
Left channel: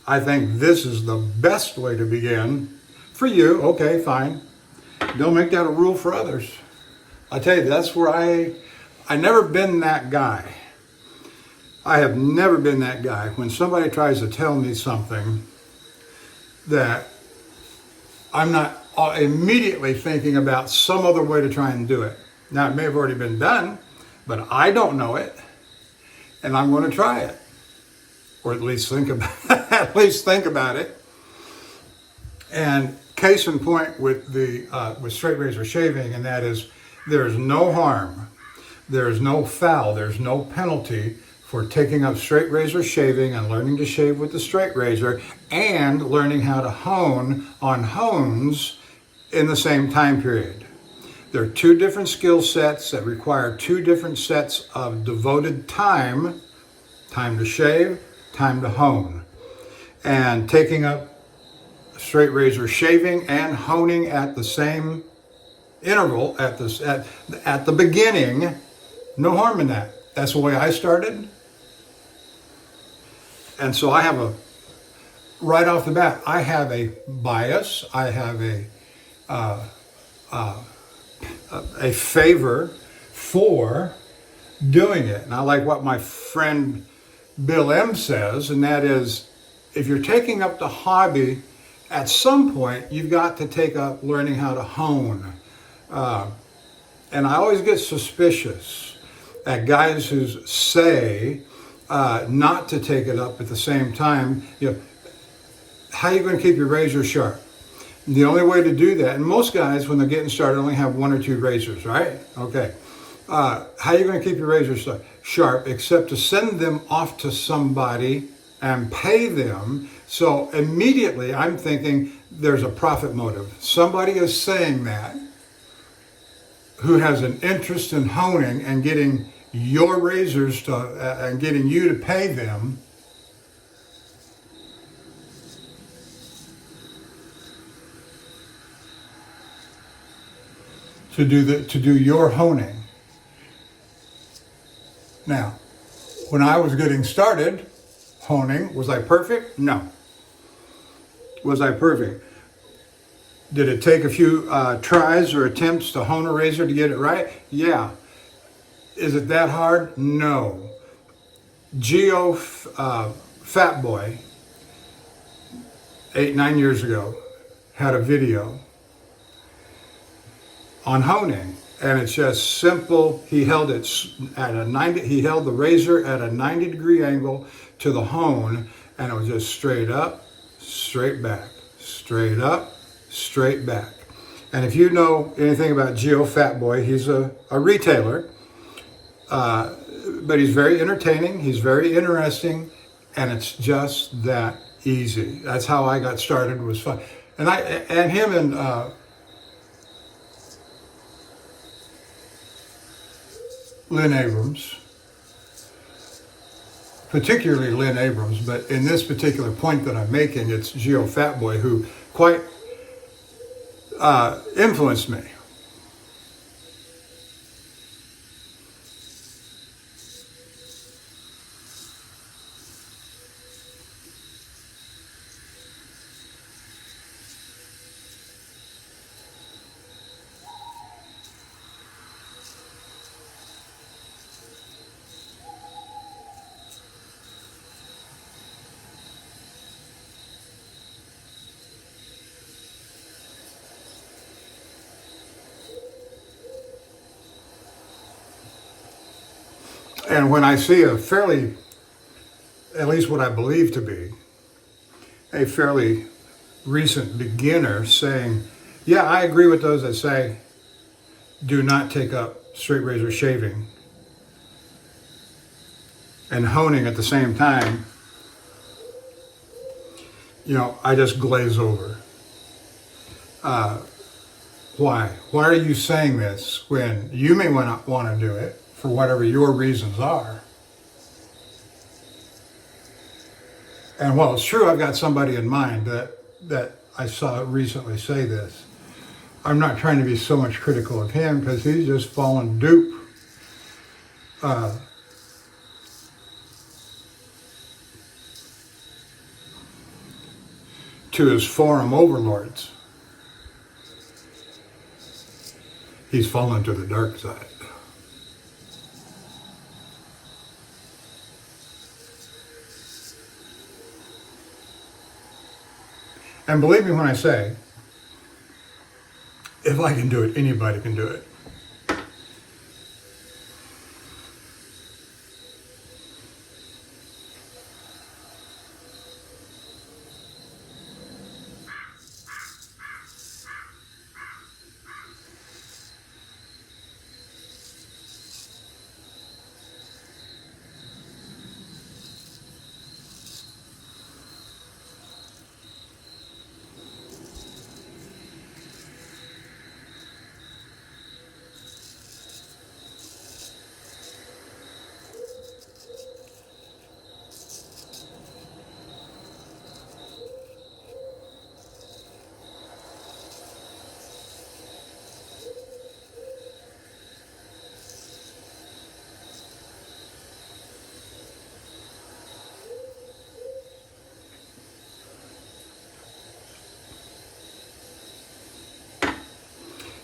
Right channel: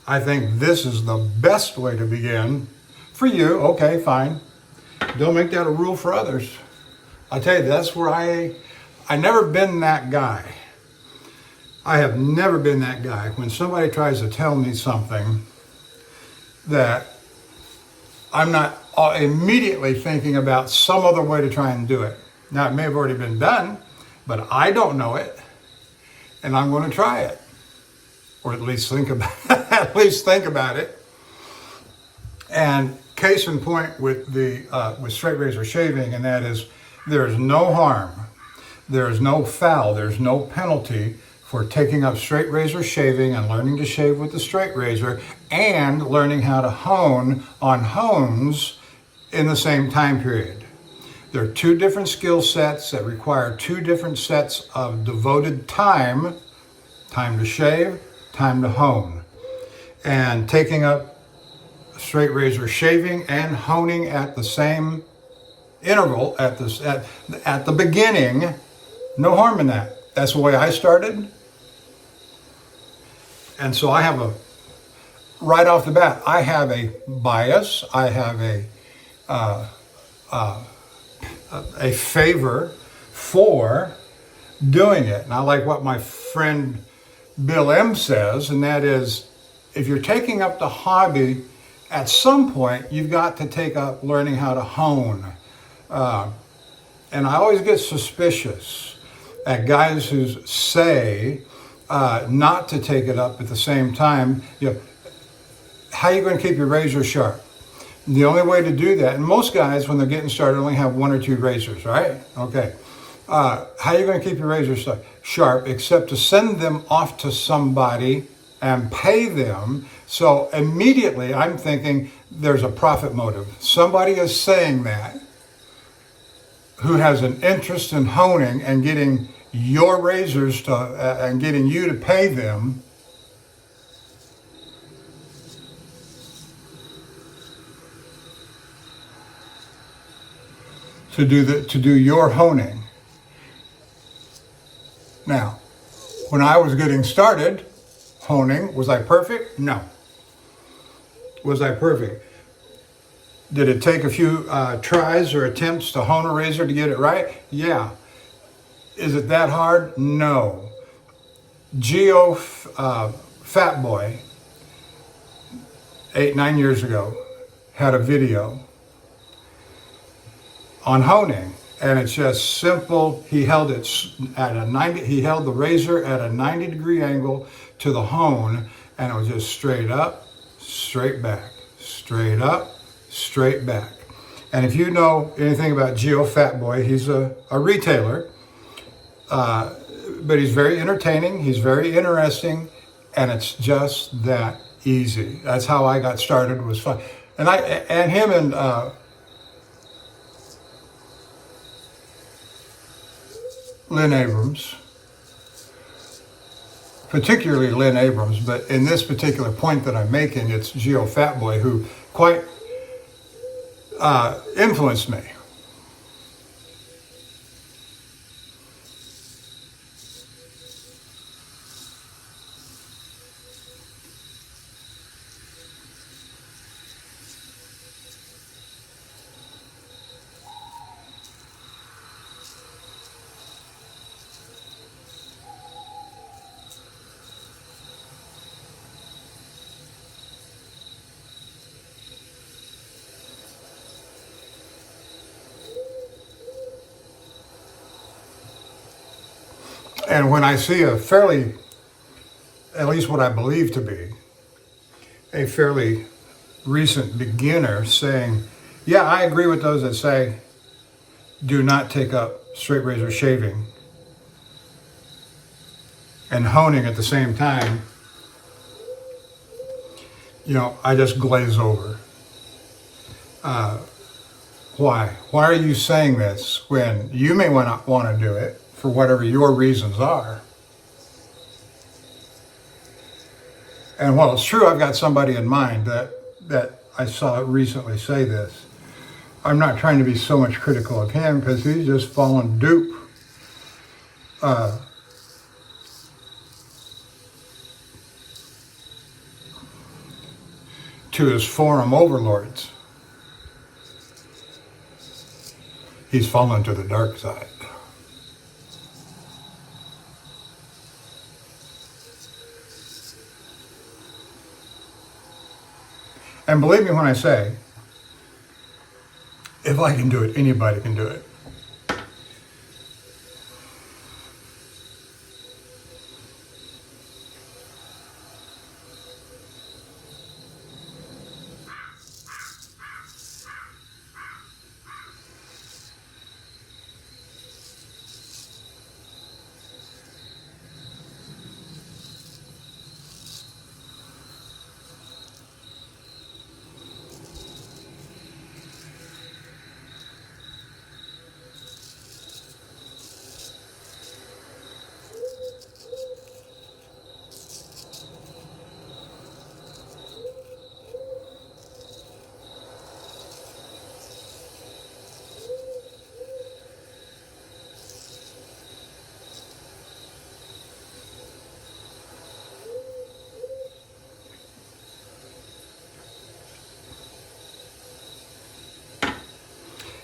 I think this is the best way to begin, for you, okay, fine. Don't make that a rule for others. I tell you, that's where I never been that guy. I have never been that guy. When somebody tries to tell me something that I'm not immediately thinking about some other way to try and do it. Now, it may have already been done, but I don't know it, and I'm going to try it. Or at least think about it. And case in point with straight razor shaving, and that is, there is no harm, there is no foul, there's no penalty for taking up straight razor shaving and learning to shave with the straight razor and learning how to hone on hones in the same time period. There are two different skill sets that require two different sets of devoted time to shave, time to hone. And taking up straight razor shaving and honing at the same interval at the beginning, no harm in that. That's the way I started. And so I have right off the bat, I have a bias, I have a favor for doing it. And I like what my friend Bill M says, and that is, if you're taking up the hobby, at some point you've got to take up learning how to hone. And I always get suspicious at guys who say not to take it up at the same time. How are you going to keep your razor sharp? The only way to do that, and most guys when they're getting started only have one or two razors, right? Okay. How are you going to keep your razor sharp except to send them off to somebody and pay them? So immediately I'm thinking there's a profit motive. Somebody is saying that who has an interest in honing and getting your razors and getting you to pay them. To do your honing. Now, when I was getting started honing, was I perfect? No. Was I perfect? Did it take a few tries or attempts to hone a razor to get it right? Yeah. Is it that hard? No. Geo Fat Boy, 8-9 years ago, had a video on honing, and it's just simple. He held it at a 90. He held the razor at a 90-degree angle to the hone, and it was just straight up, straight back, straight up, straight back. And if you know anything about Geo Fat Boy, he's a retailer, but he's very entertaining. He's very interesting, and it's just that easy. That's how I got started. Was fun, and him and. Lynn Abrams, particularly Lynn Abrams, but in this particular point that I'm making, it's Geo Fat Boy who quite influenced me. And when I see a fairly, at least what I believe to be, a fairly recent beginner saying, yeah, I agree with those that say, do not take up straight razor shaving and honing at the same time, I just glaze over. Why? Why are you saying this when you may not want to do it for whatever your reasons are? And while it's true, I've got somebody in mind that I saw recently say this. I'm not trying to be so much critical of him because he's just fallen dupe to his forum overlords. He's fallen to the dark side. And believe me when I say, if I can do it, anybody can do it.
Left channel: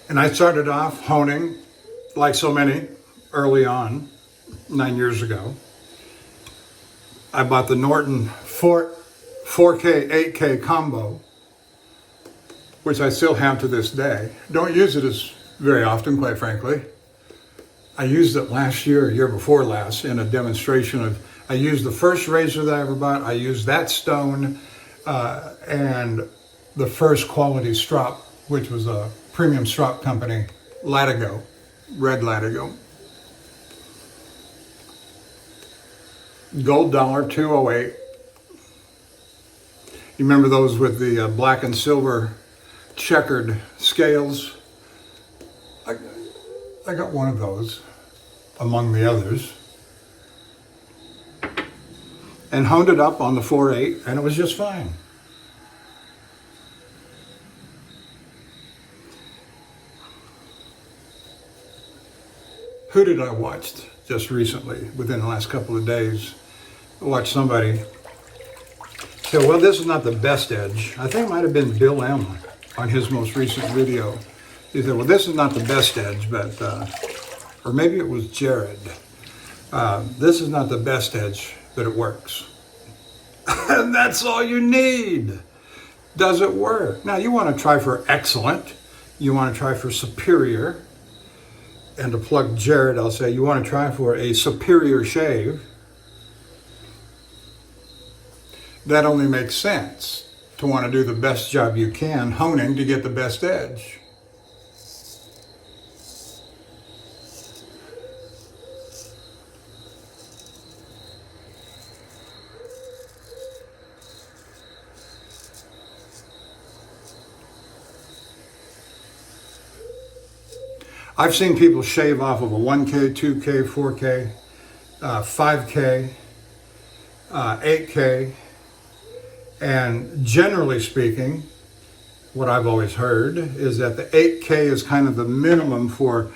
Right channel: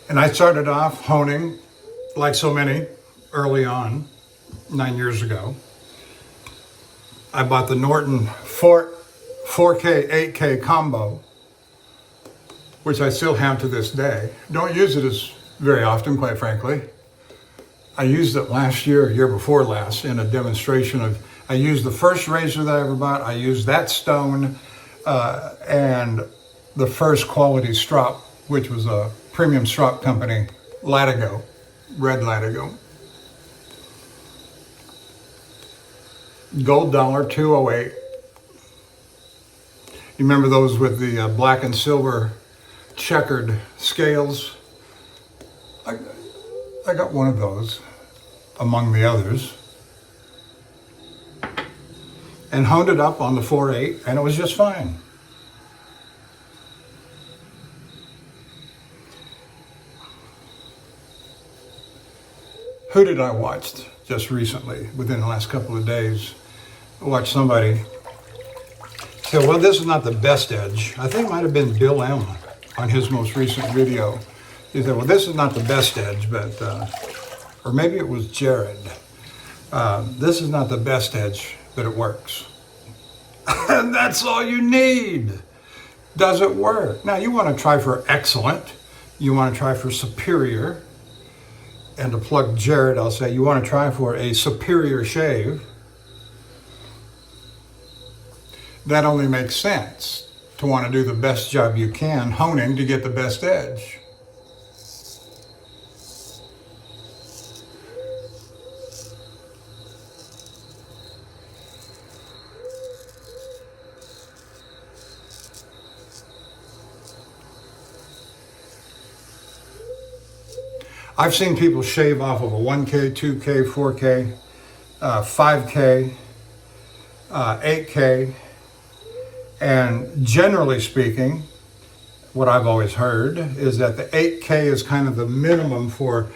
And I started off honing, like so many, early on, 9 years ago. I bought the Norton 4K, 8K combo, which I still have to this day. Don't use it as very often, quite frankly. I used it last year, year before last, in a demonstration of, I used the first razor that I ever bought, I used that stone, and the first quality strop, which was a premium strop company, Latigo, red Latigo. Gold dollar, 208. You remember those with the black and silver checkered scales? I got one of those, among the others, and honed it up on the 4.8, and it was just fine. Who did I watch just recently, within the last couple of days? I watched somebody say, well, this is not the best edge. I think it might have been Bill M. on his most recent video. He said, well, this is not the best edge, but, or maybe it was Jared. This is not the best edge, but it works. And that's all you need. Does it work? Now, you want to try for excellent. You want to try for superior. And to plug Jared, I'll say you want to try for a superior shave. That only makes sense to want to do the best job you can, honing to get the best edge. I've seen people shave off of a 1K, 2K, 4K, 5K, 8K, and generally speaking, what I've always heard is that the 8K is kind of the minimum for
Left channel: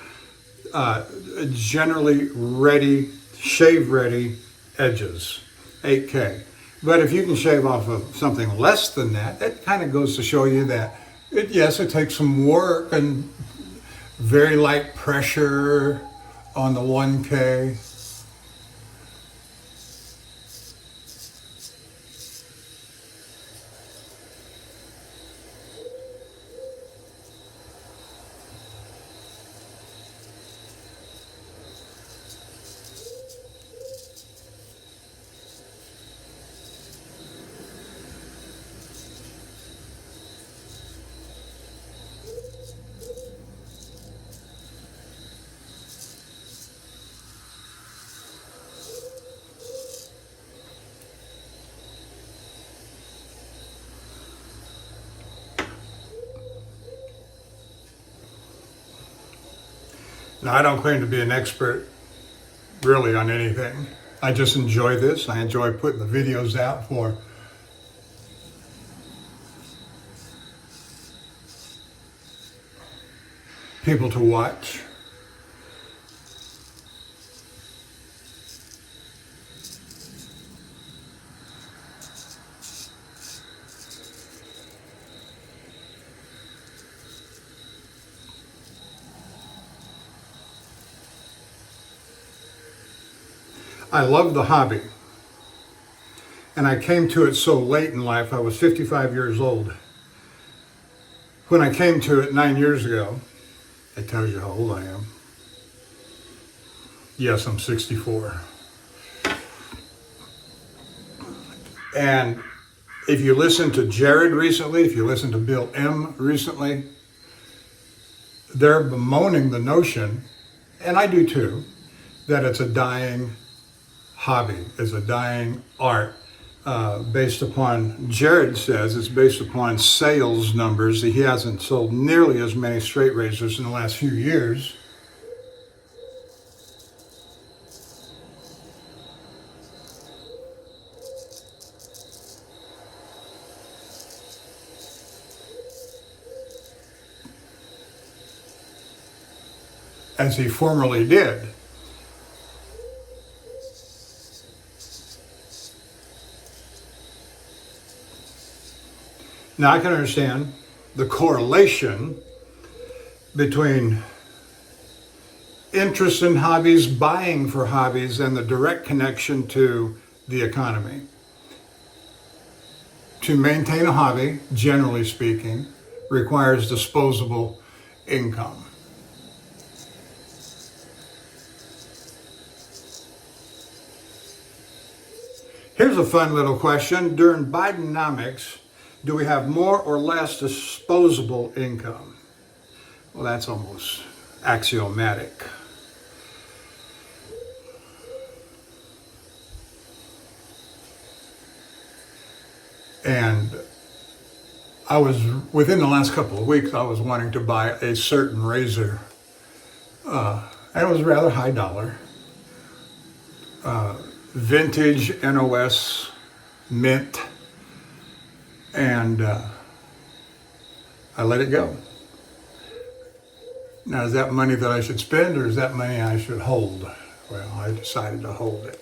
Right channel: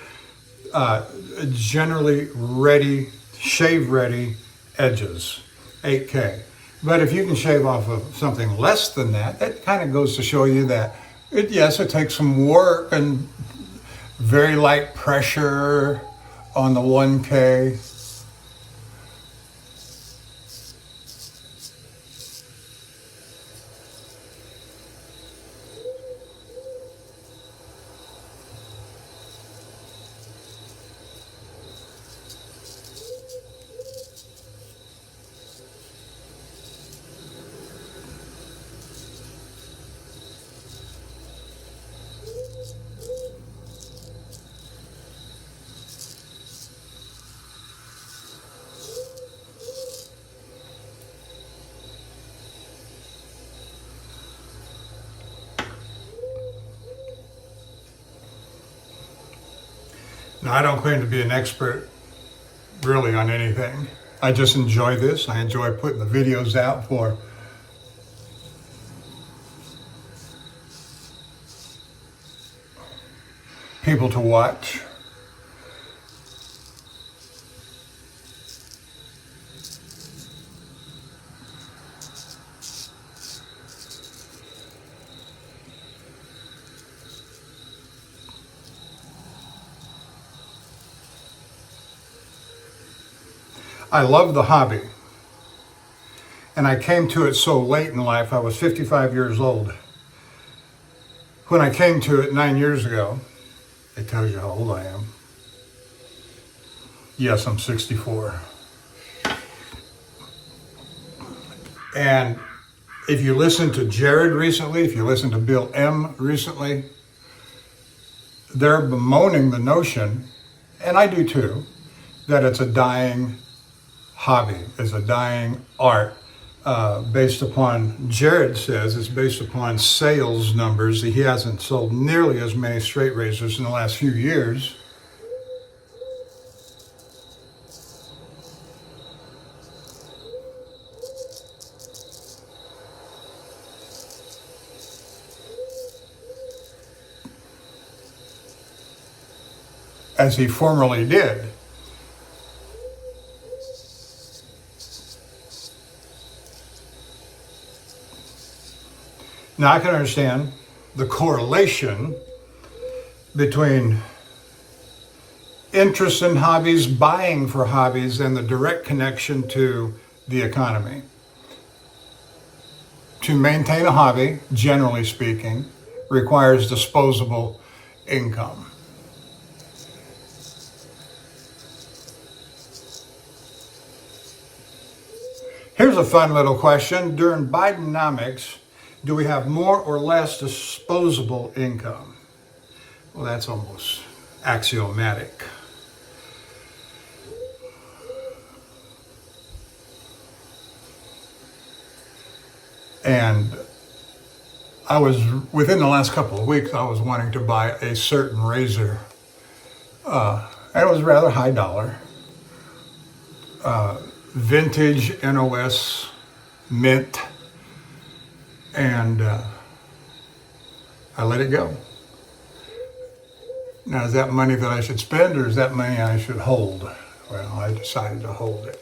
generally ready, shave-ready edges, 8K. But if you can shave off of something less than that, that kind of goes to show you that, yes, it takes some work and very light pressure on the 1K. Now, I don't claim to be an expert really on anything. I just enjoy this. I enjoy putting the videos out for people to watch. I love the hobby, and I came to it so late in life. I was 55 years old. When I came to it 9 years ago, it tells you how old I am. Yes, I'm 64. And if you listen to Jared recently, if you listen to Bill M recently, they're bemoaning the notion, and I do too, that it's a dying hobby, is a dying art, based upon, Jared says, it's based upon sales numbers. He hasn't sold nearly as many straight razors in the last few years. As he formerly did. Now, I can understand the correlation between interest in hobbies, buying for hobbies, and the direct connection to the economy. To maintain a hobby, generally speaking, requires disposable income. Here's a fun little question. During Bidenomics, do we have more or less disposable income? Well, that's almost axiomatic. And I was, within the last couple of weeks, I was wanting to buy a certain razor. And it was rather high dollar. Vintage NOS mint. And I let it go. Now, is that money that I should spend, or is that money I should hold? Well, I decided to hold it.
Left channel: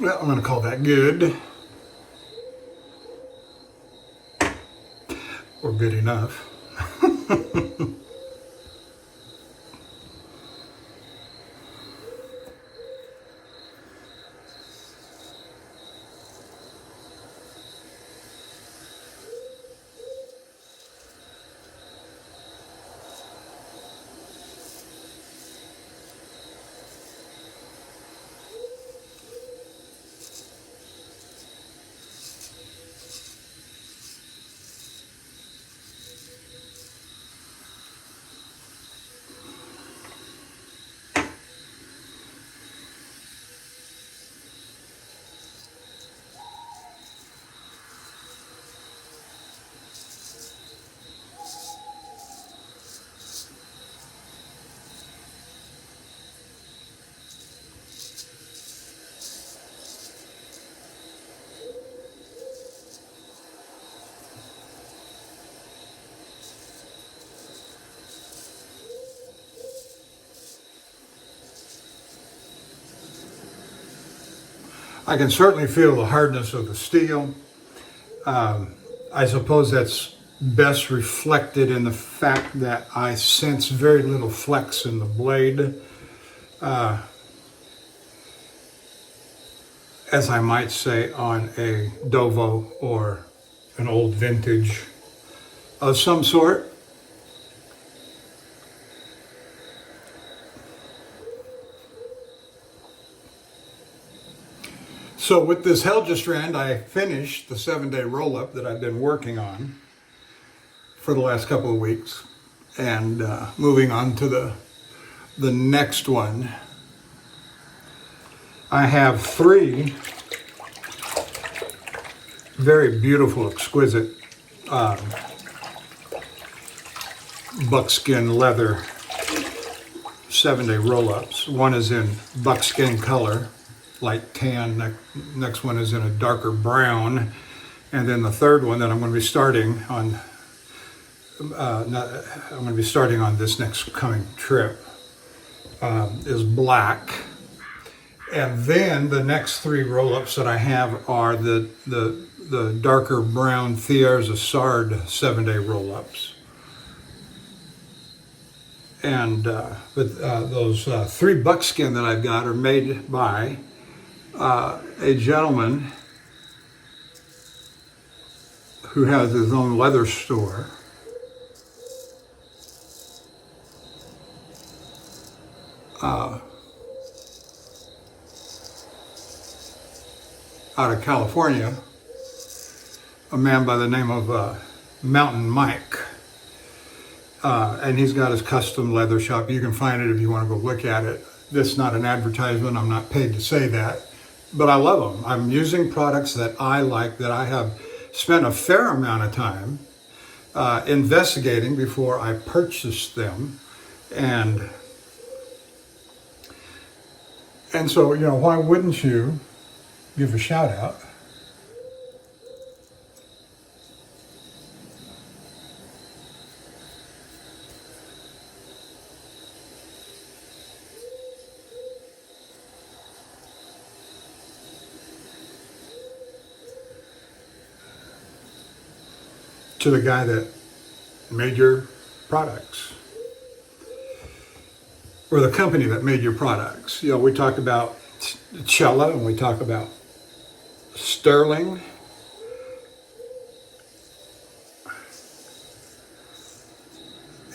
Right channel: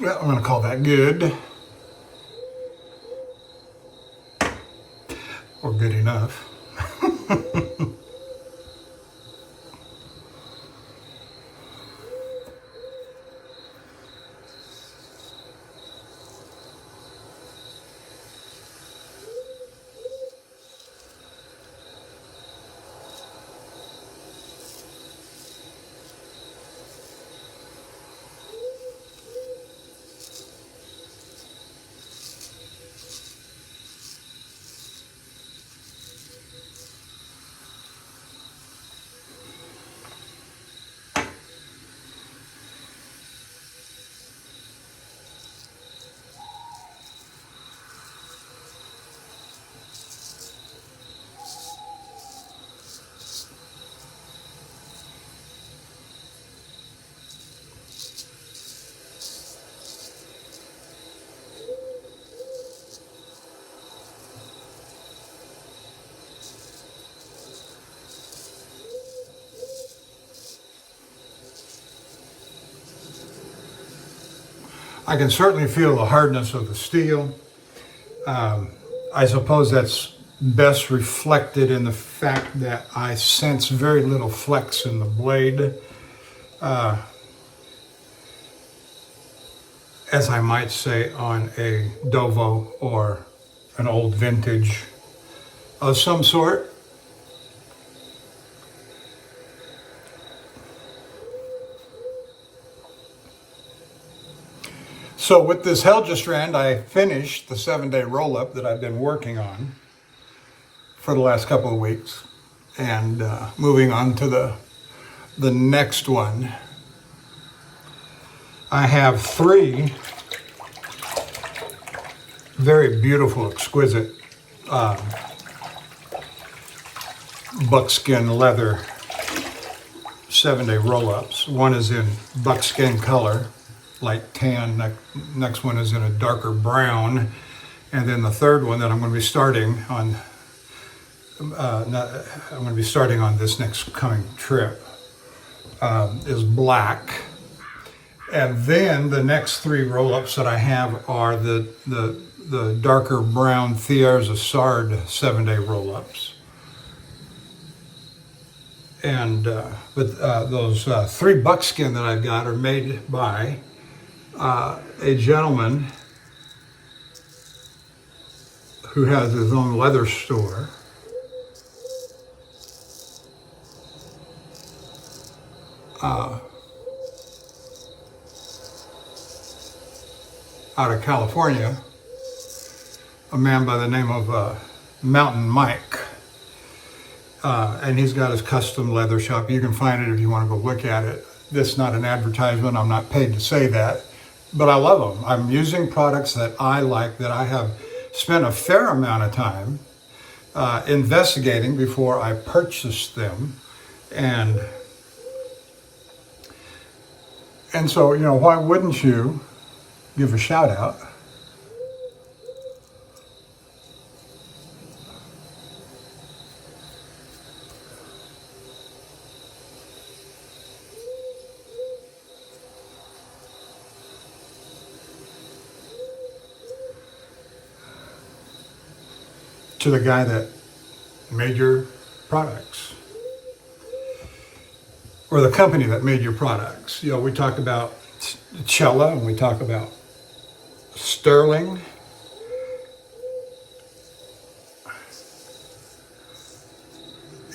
Well, I'm going to call that good. Or good enough. I can certainly feel the hardness of the steel. I suppose that's best reflected in the fact that I sense very little flex in the blade, as I might say on a Dovo or an old vintage of some sort. So with this Helgestrand, I finished the 7-day roll-up that I've been working on for the last couple of weeks, and moving on to the next one. I have 3 very beautiful, exquisite buckskin leather 7-day roll-ups. One is in buckskin color, light tan. Next one is in a darker brown, and then the third one that I'm going to be starting on. I'm going to be starting on this next coming trip is black, and then the next 3 roll-ups that I have are the darker brown Thiers Assard 7-day roll-ups. And those 3 buckskin that I've got are made by a gentleman who has his own leather store. Out of California, a man by the name of Mountain Mike. And he's got his custom leather shop. You can find it if you want to go look at it. This is not an advertisement. I'm not paid to say that. But I love them. I'm using products that I like, that I have spent a fair amount of time investigating before I purchased them. And so, you know, why wouldn't you give a shout out to the guy that made your products, or the company that made your products. You know, we talked about Cella and we talk about Sterling.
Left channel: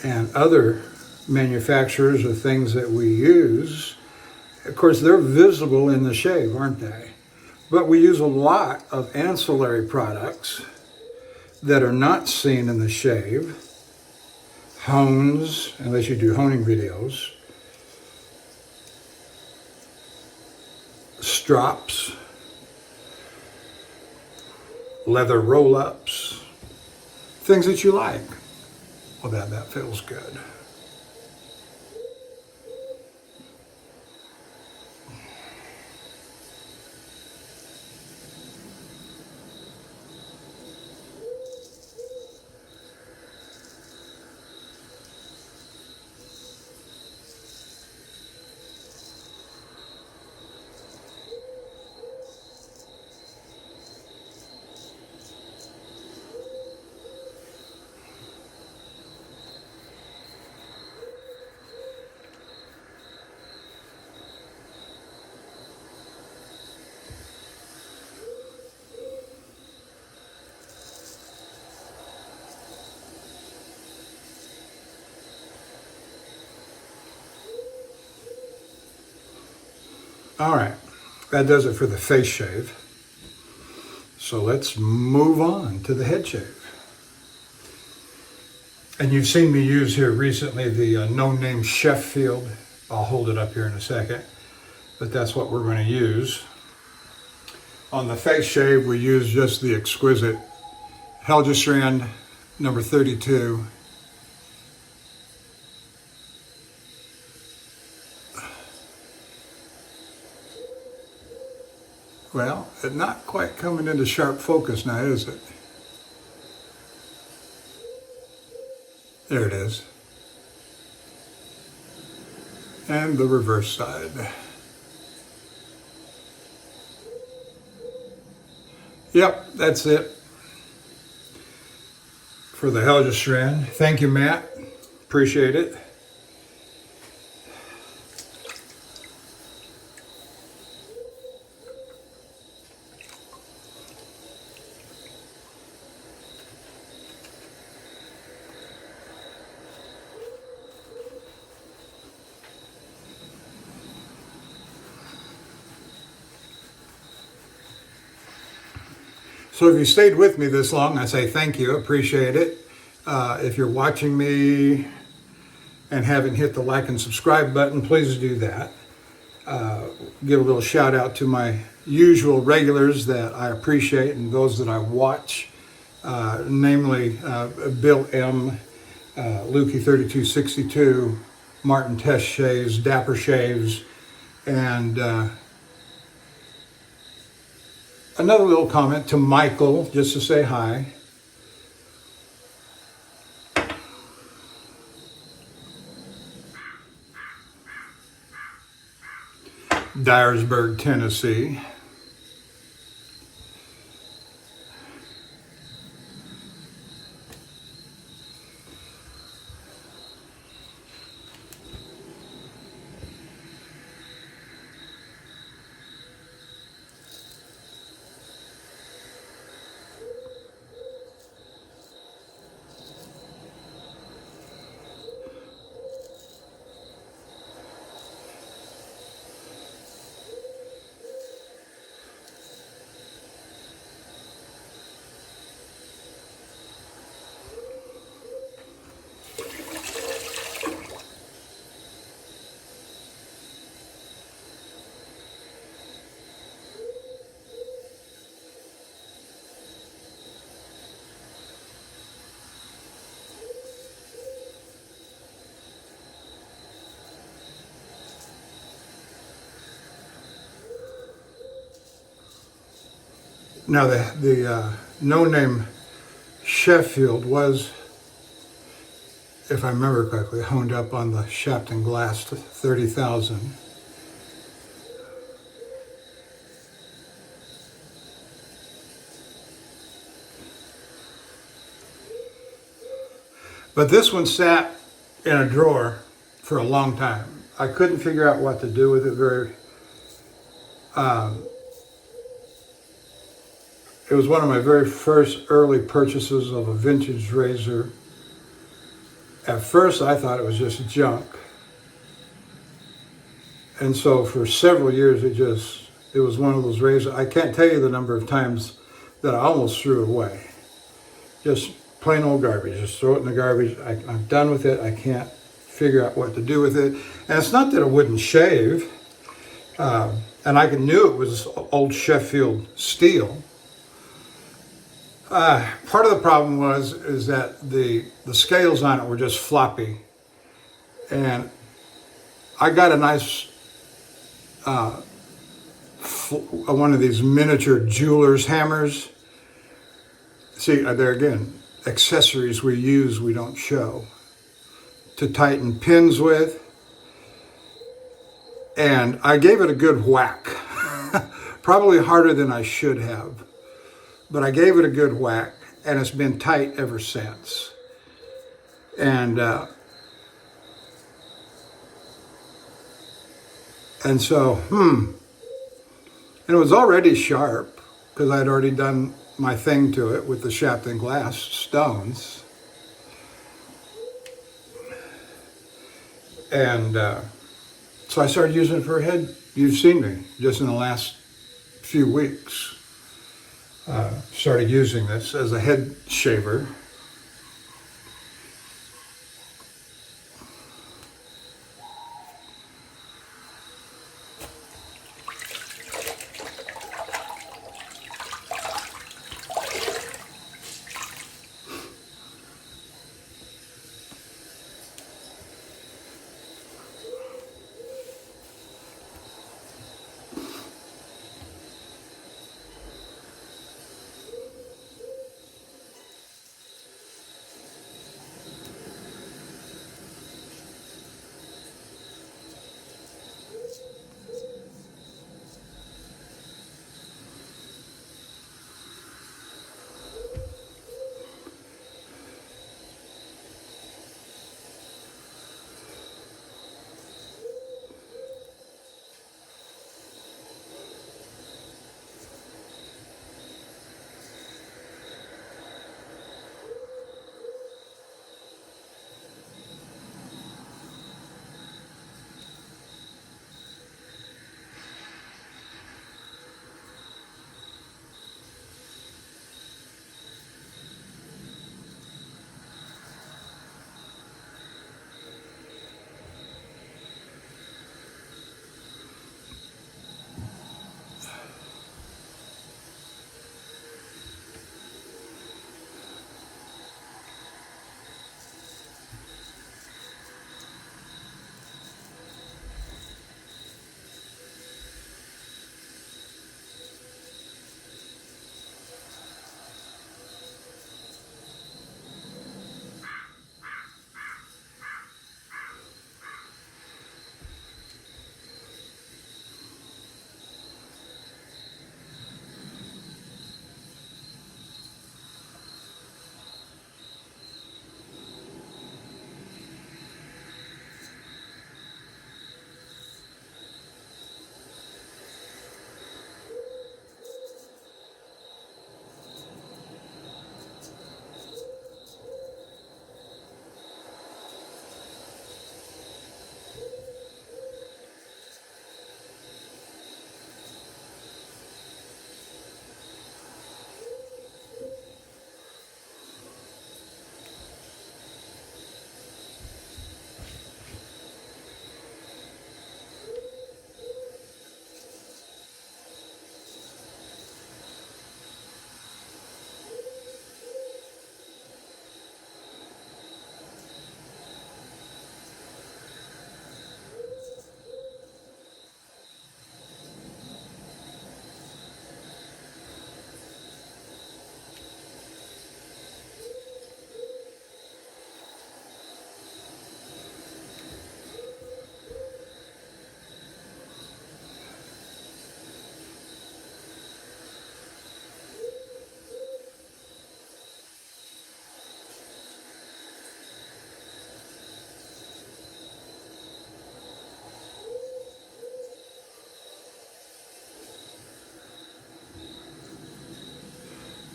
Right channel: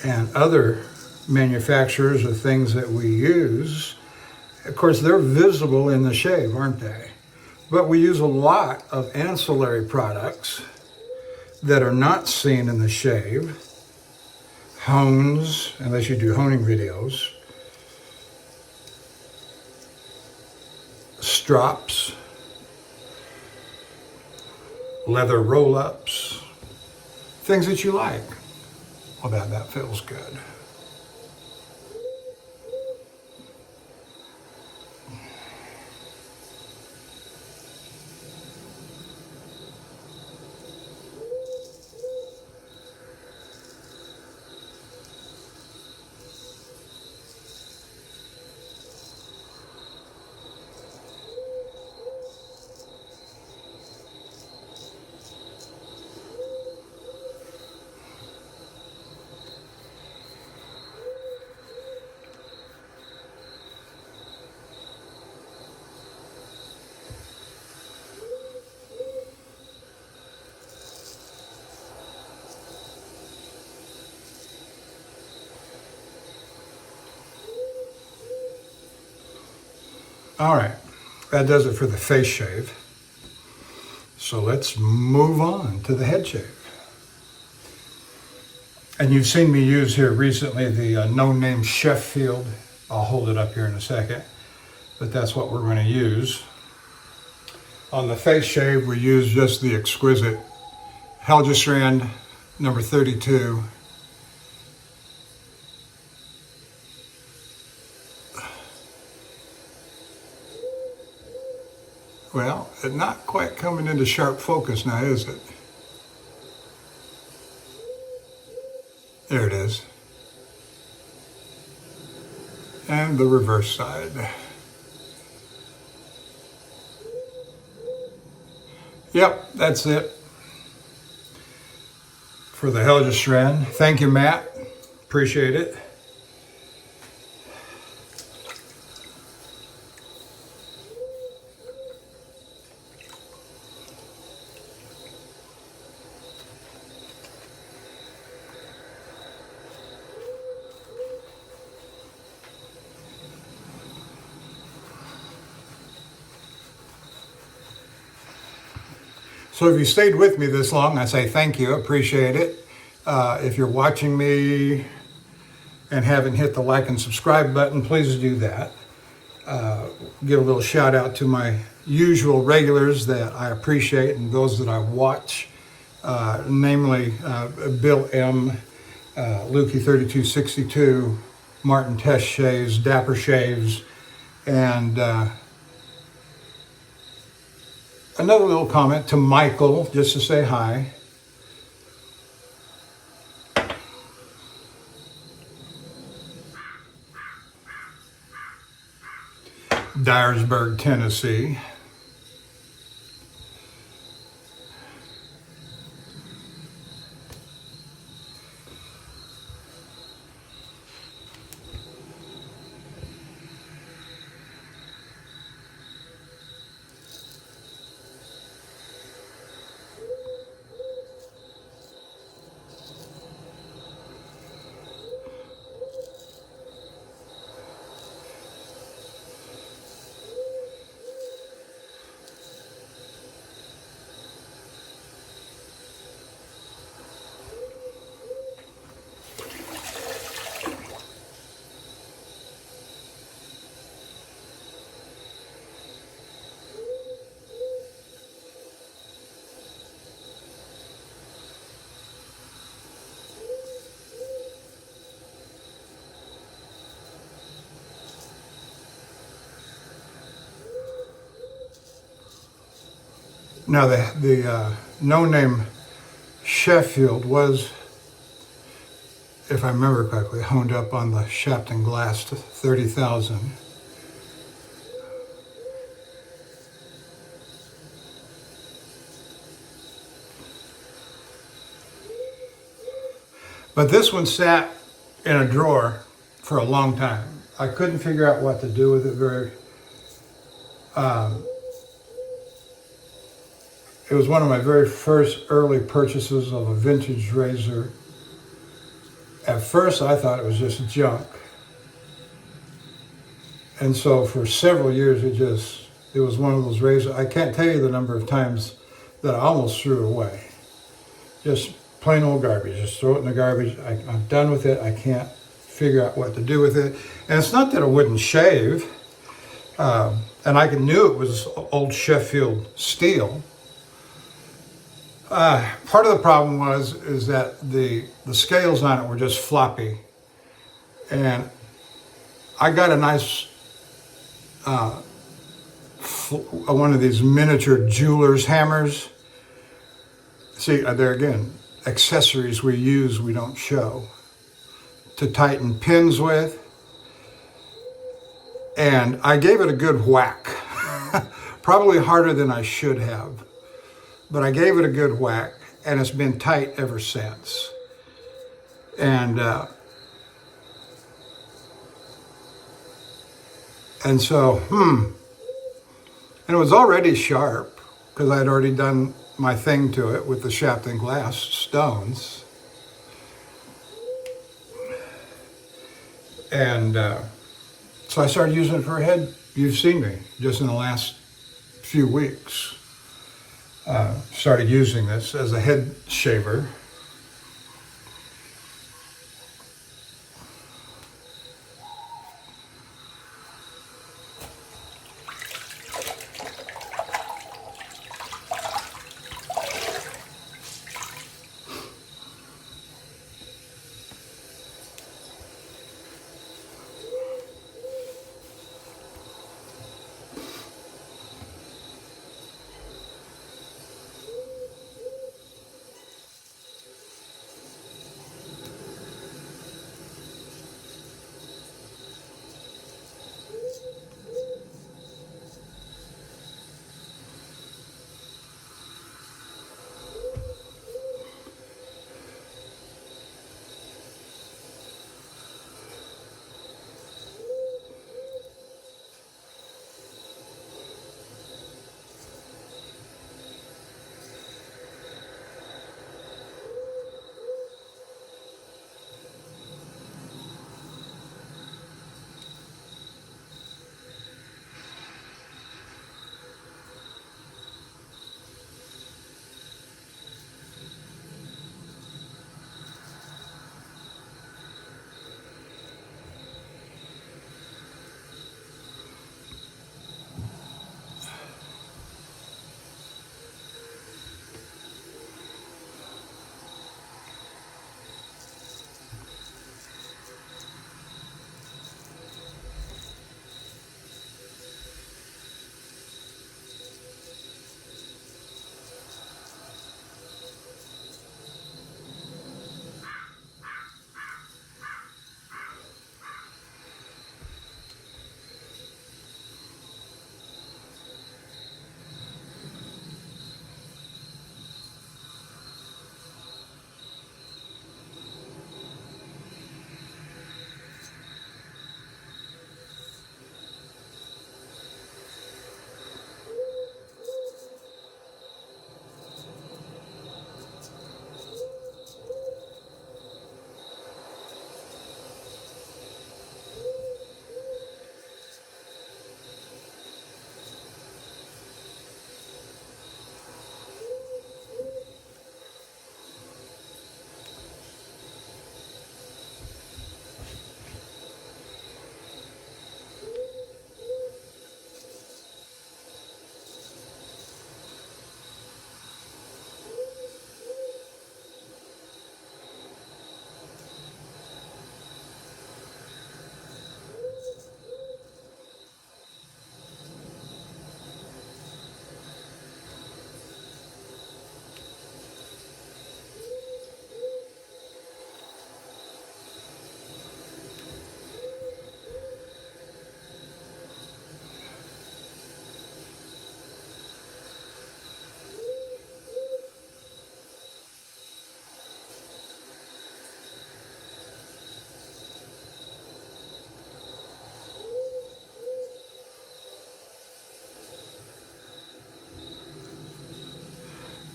And other manufacturers of things that we use. Of course, they're visible in the shave, aren't they? But we use a lot of ancillary products that are not seen in the shave. Hones, unless you do honing videos. Strops. Leather roll-ups. Things that you like. Well, that feels good. All right, that does it for the face shave. So let's move on to the head shave. And you've seen me use here recently the no-name Sheffield. I'll hold it up here in a second, but that's what we're going to use. On the face shave, we use just the exquisite Helgestrand number 32. Well, it's not quite coming into sharp focus now, is it? There it is. And the reverse side. Yep, that's it for the Helgestrand. Thank you, Matt. Appreciate it. So if you stayed with me this long, I say thank you, appreciate it. If you're watching me and haven't hit the like and subscribe button, please do that. Give a little shout out to my usual regulars that I appreciate and those that I watch, namely Bill M., Lukey3262, Martin Test Shaves, Dapper Shaves, and another little comment to Michael, just to say hi. Dyersburg, Tennessee. Now the no-name Sheffield was, if I remember correctly, honed up on the Shapton Glass 30,000. But this one sat in a drawer for a long time. I couldn't figure out what to do with it it was one of my very first early purchases of a vintage razor. At first I thought it was just junk. And so for several years it was one of those razors. I can't tell you the number of times that I almost threw it away. Just plain old garbage, just throw it in the garbage. I'm done with it, I can't figure out what to do with it. And it's not that it wouldn't shave, and I knew it was old Sheffield steel. Part of the problem is that the scales on it were just floppy, and I got a nice one of these miniature jeweler's hammers. See, there again, accessories we use we don't show, to tighten pins with, and I gave it a good whack, probably harder than I should have. But I gave it a good whack, and it's been tight ever since. And so, and it was already sharp because I'd already done my thing to it with the Shapton Glass stones. And so I started using it for a head you've seen me just in the last few weeks. Started using this as a head shaver.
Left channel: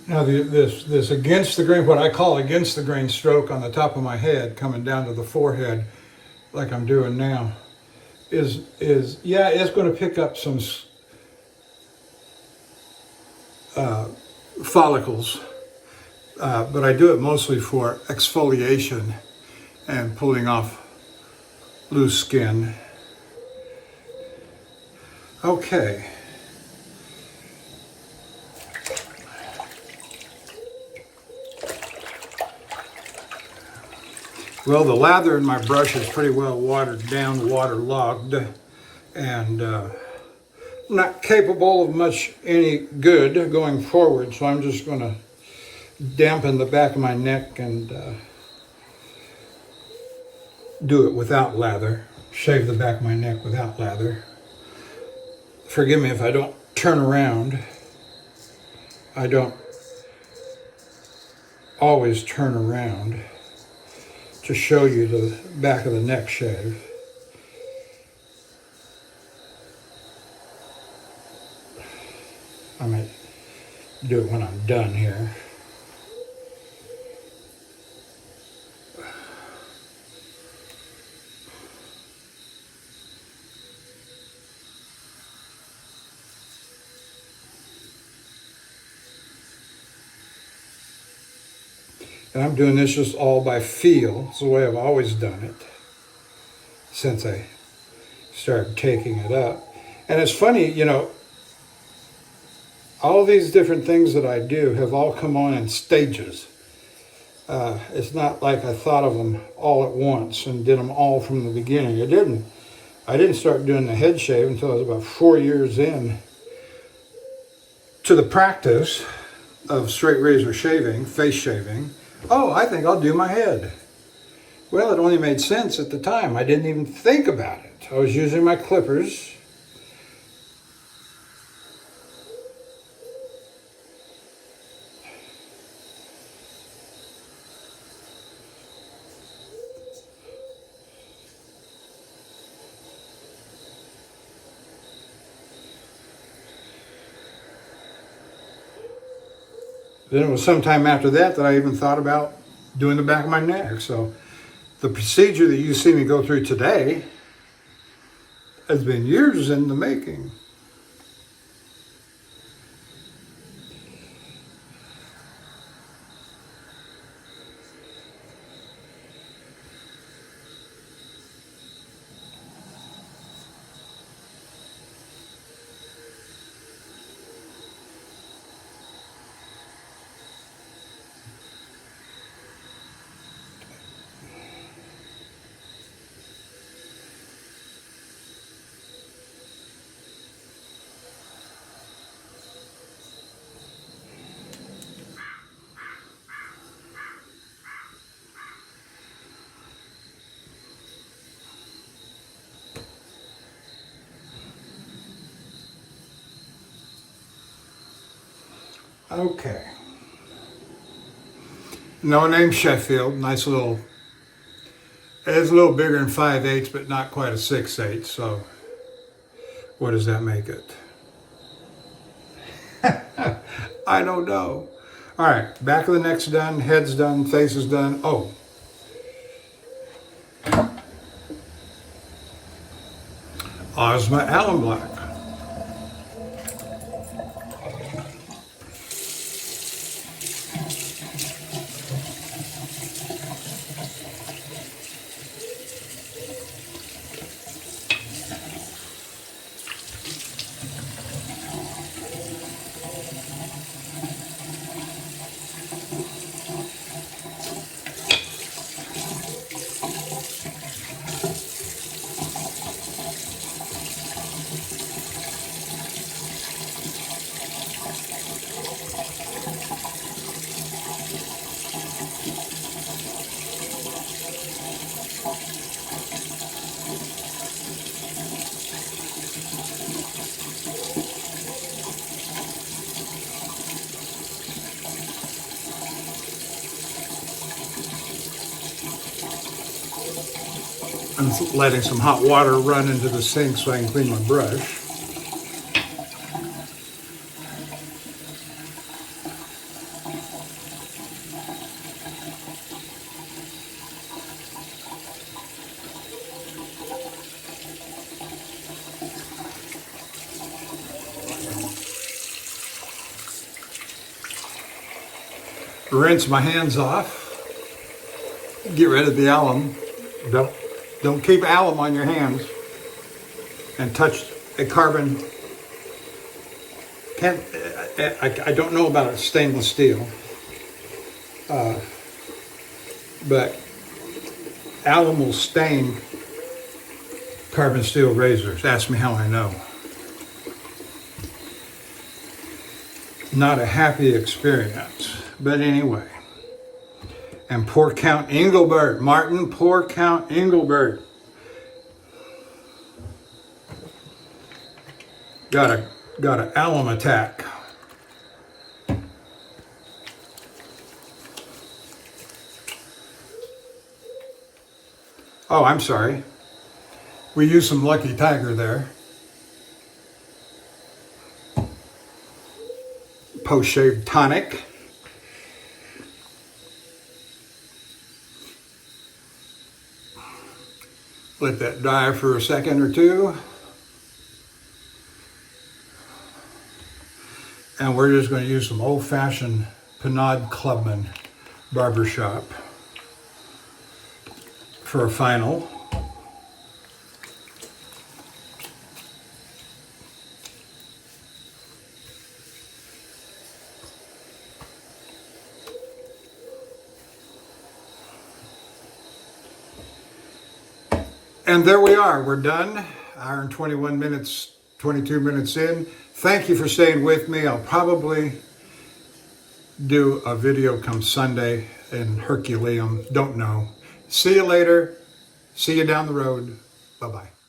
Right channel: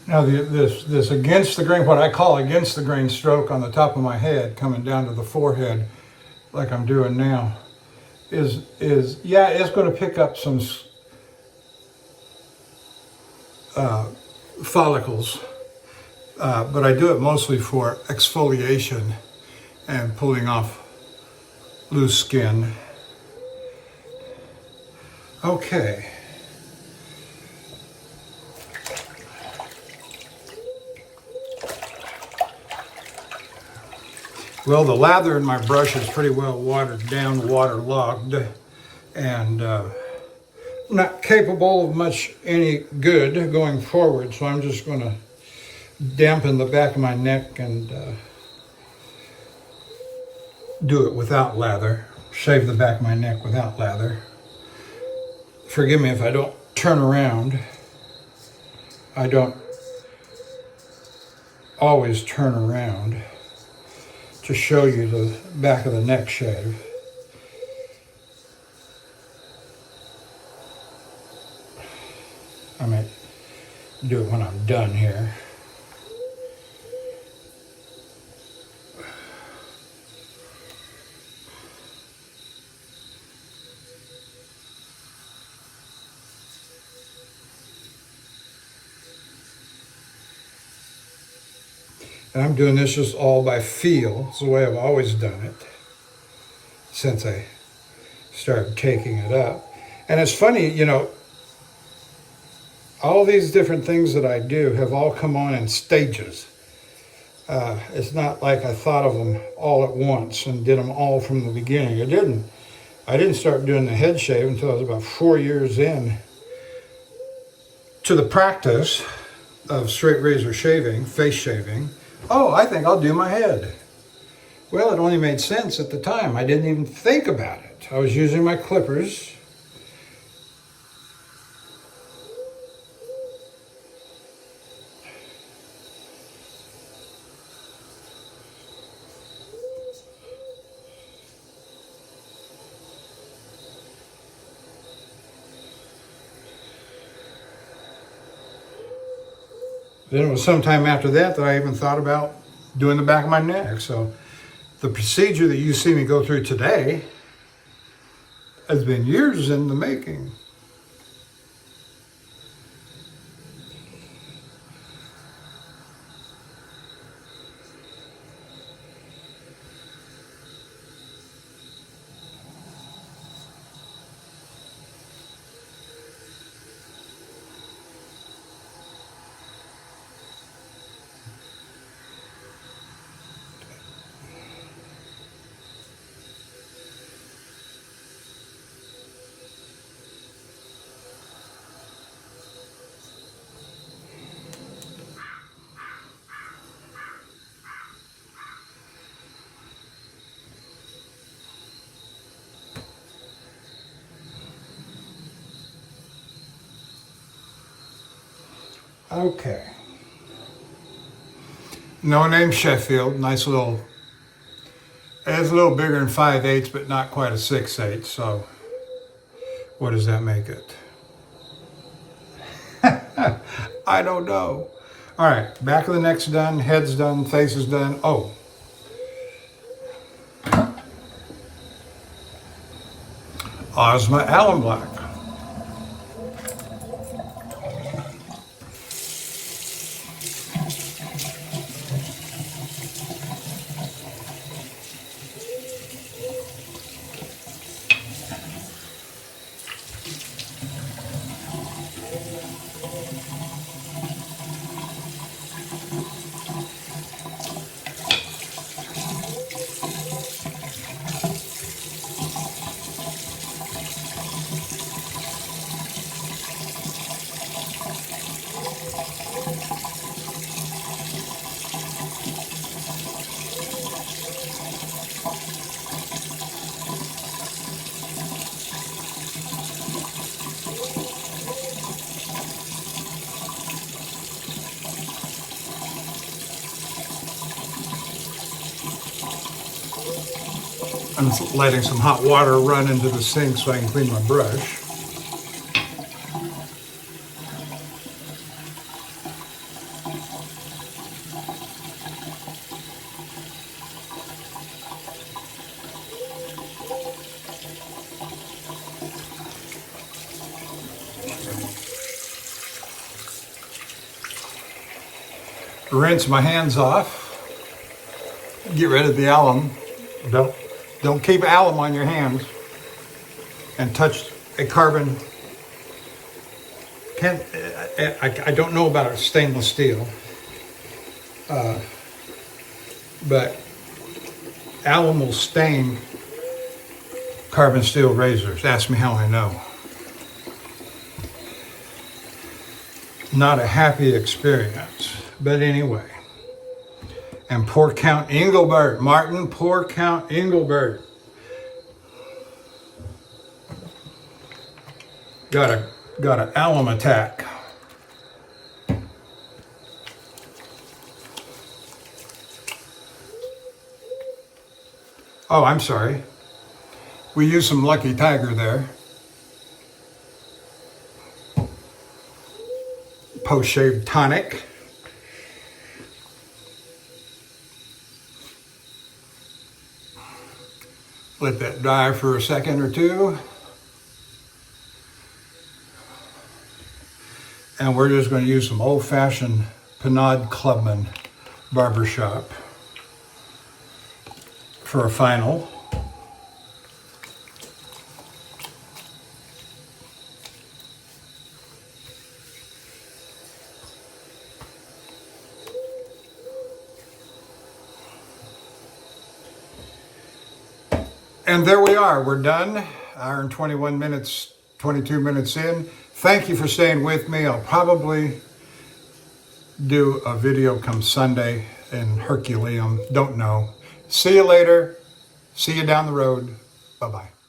Now this against the grain, what I call against the grain stroke on the top of my head, coming down to the forehead, like I'm doing now, is yeah, it's going to pick up some follicles, but I do it mostly for exfoliation and pulling off loose skin. Okay. Well, the lather in my brush is pretty well watered down, waterlogged, and not capable of much any good going forward. So I'm just going to dampen the back of my neck and do it without lather. Shave the back of my neck without lather. Forgive me if I don't turn around. I don't always turn around to show you the back of the neck shave. I might do it when I'm done here. And I'm doing this just all by feel. It's the way I've always done it since I started taking it up. And it's funny, you know, all these different things that I do have all come on in stages. It's not like I thought of them all at once and did them all from the beginning. I didn't start doing the head shave until I was about 4 years in to the practice of straight razor shaving, face shaving. Oh, I think I'll do my head. Well, it only made sense at the time. I didn't even think about it. I was using my clippers. Then it was sometime after that that I even thought about doing the back of my neck. So the procedure that you see me go through today has been years in the making. Okay. No name Sheffield, nice little, it is a little bigger than 5/8, but not quite a 6/8, so what does that make it? I don't know. All right, back of the neck's done, head's done, face is done. Oh. Ozma Alum Black. I'm letting some hot water run into the sink so I can clean my brush. Rinse my hands off. Get rid of the alum. Don't keep alum on your hands. And touch a carbon. I don't know about a stainless steel, but alum will stain carbon steel razors. Ask me how I know. Not a happy experience, but anyway. And poor Count Engelbert, Martin, poor Count Engelbert. Got an alum attack. Oh, I'm sorry. We used some Lucky Tiger there. Post-shave tonic. Let that dry for a second or two. And we're just going to use some old-fashioned Pinard Clubman barber shop for a final. And there we are, we're done. Hour and 21 minutes, 22 minutes in. Thank you for staying with me. I'll probably do a video come Sunday in Herculeum, don't know. See you later. See you down the road. Bye-bye.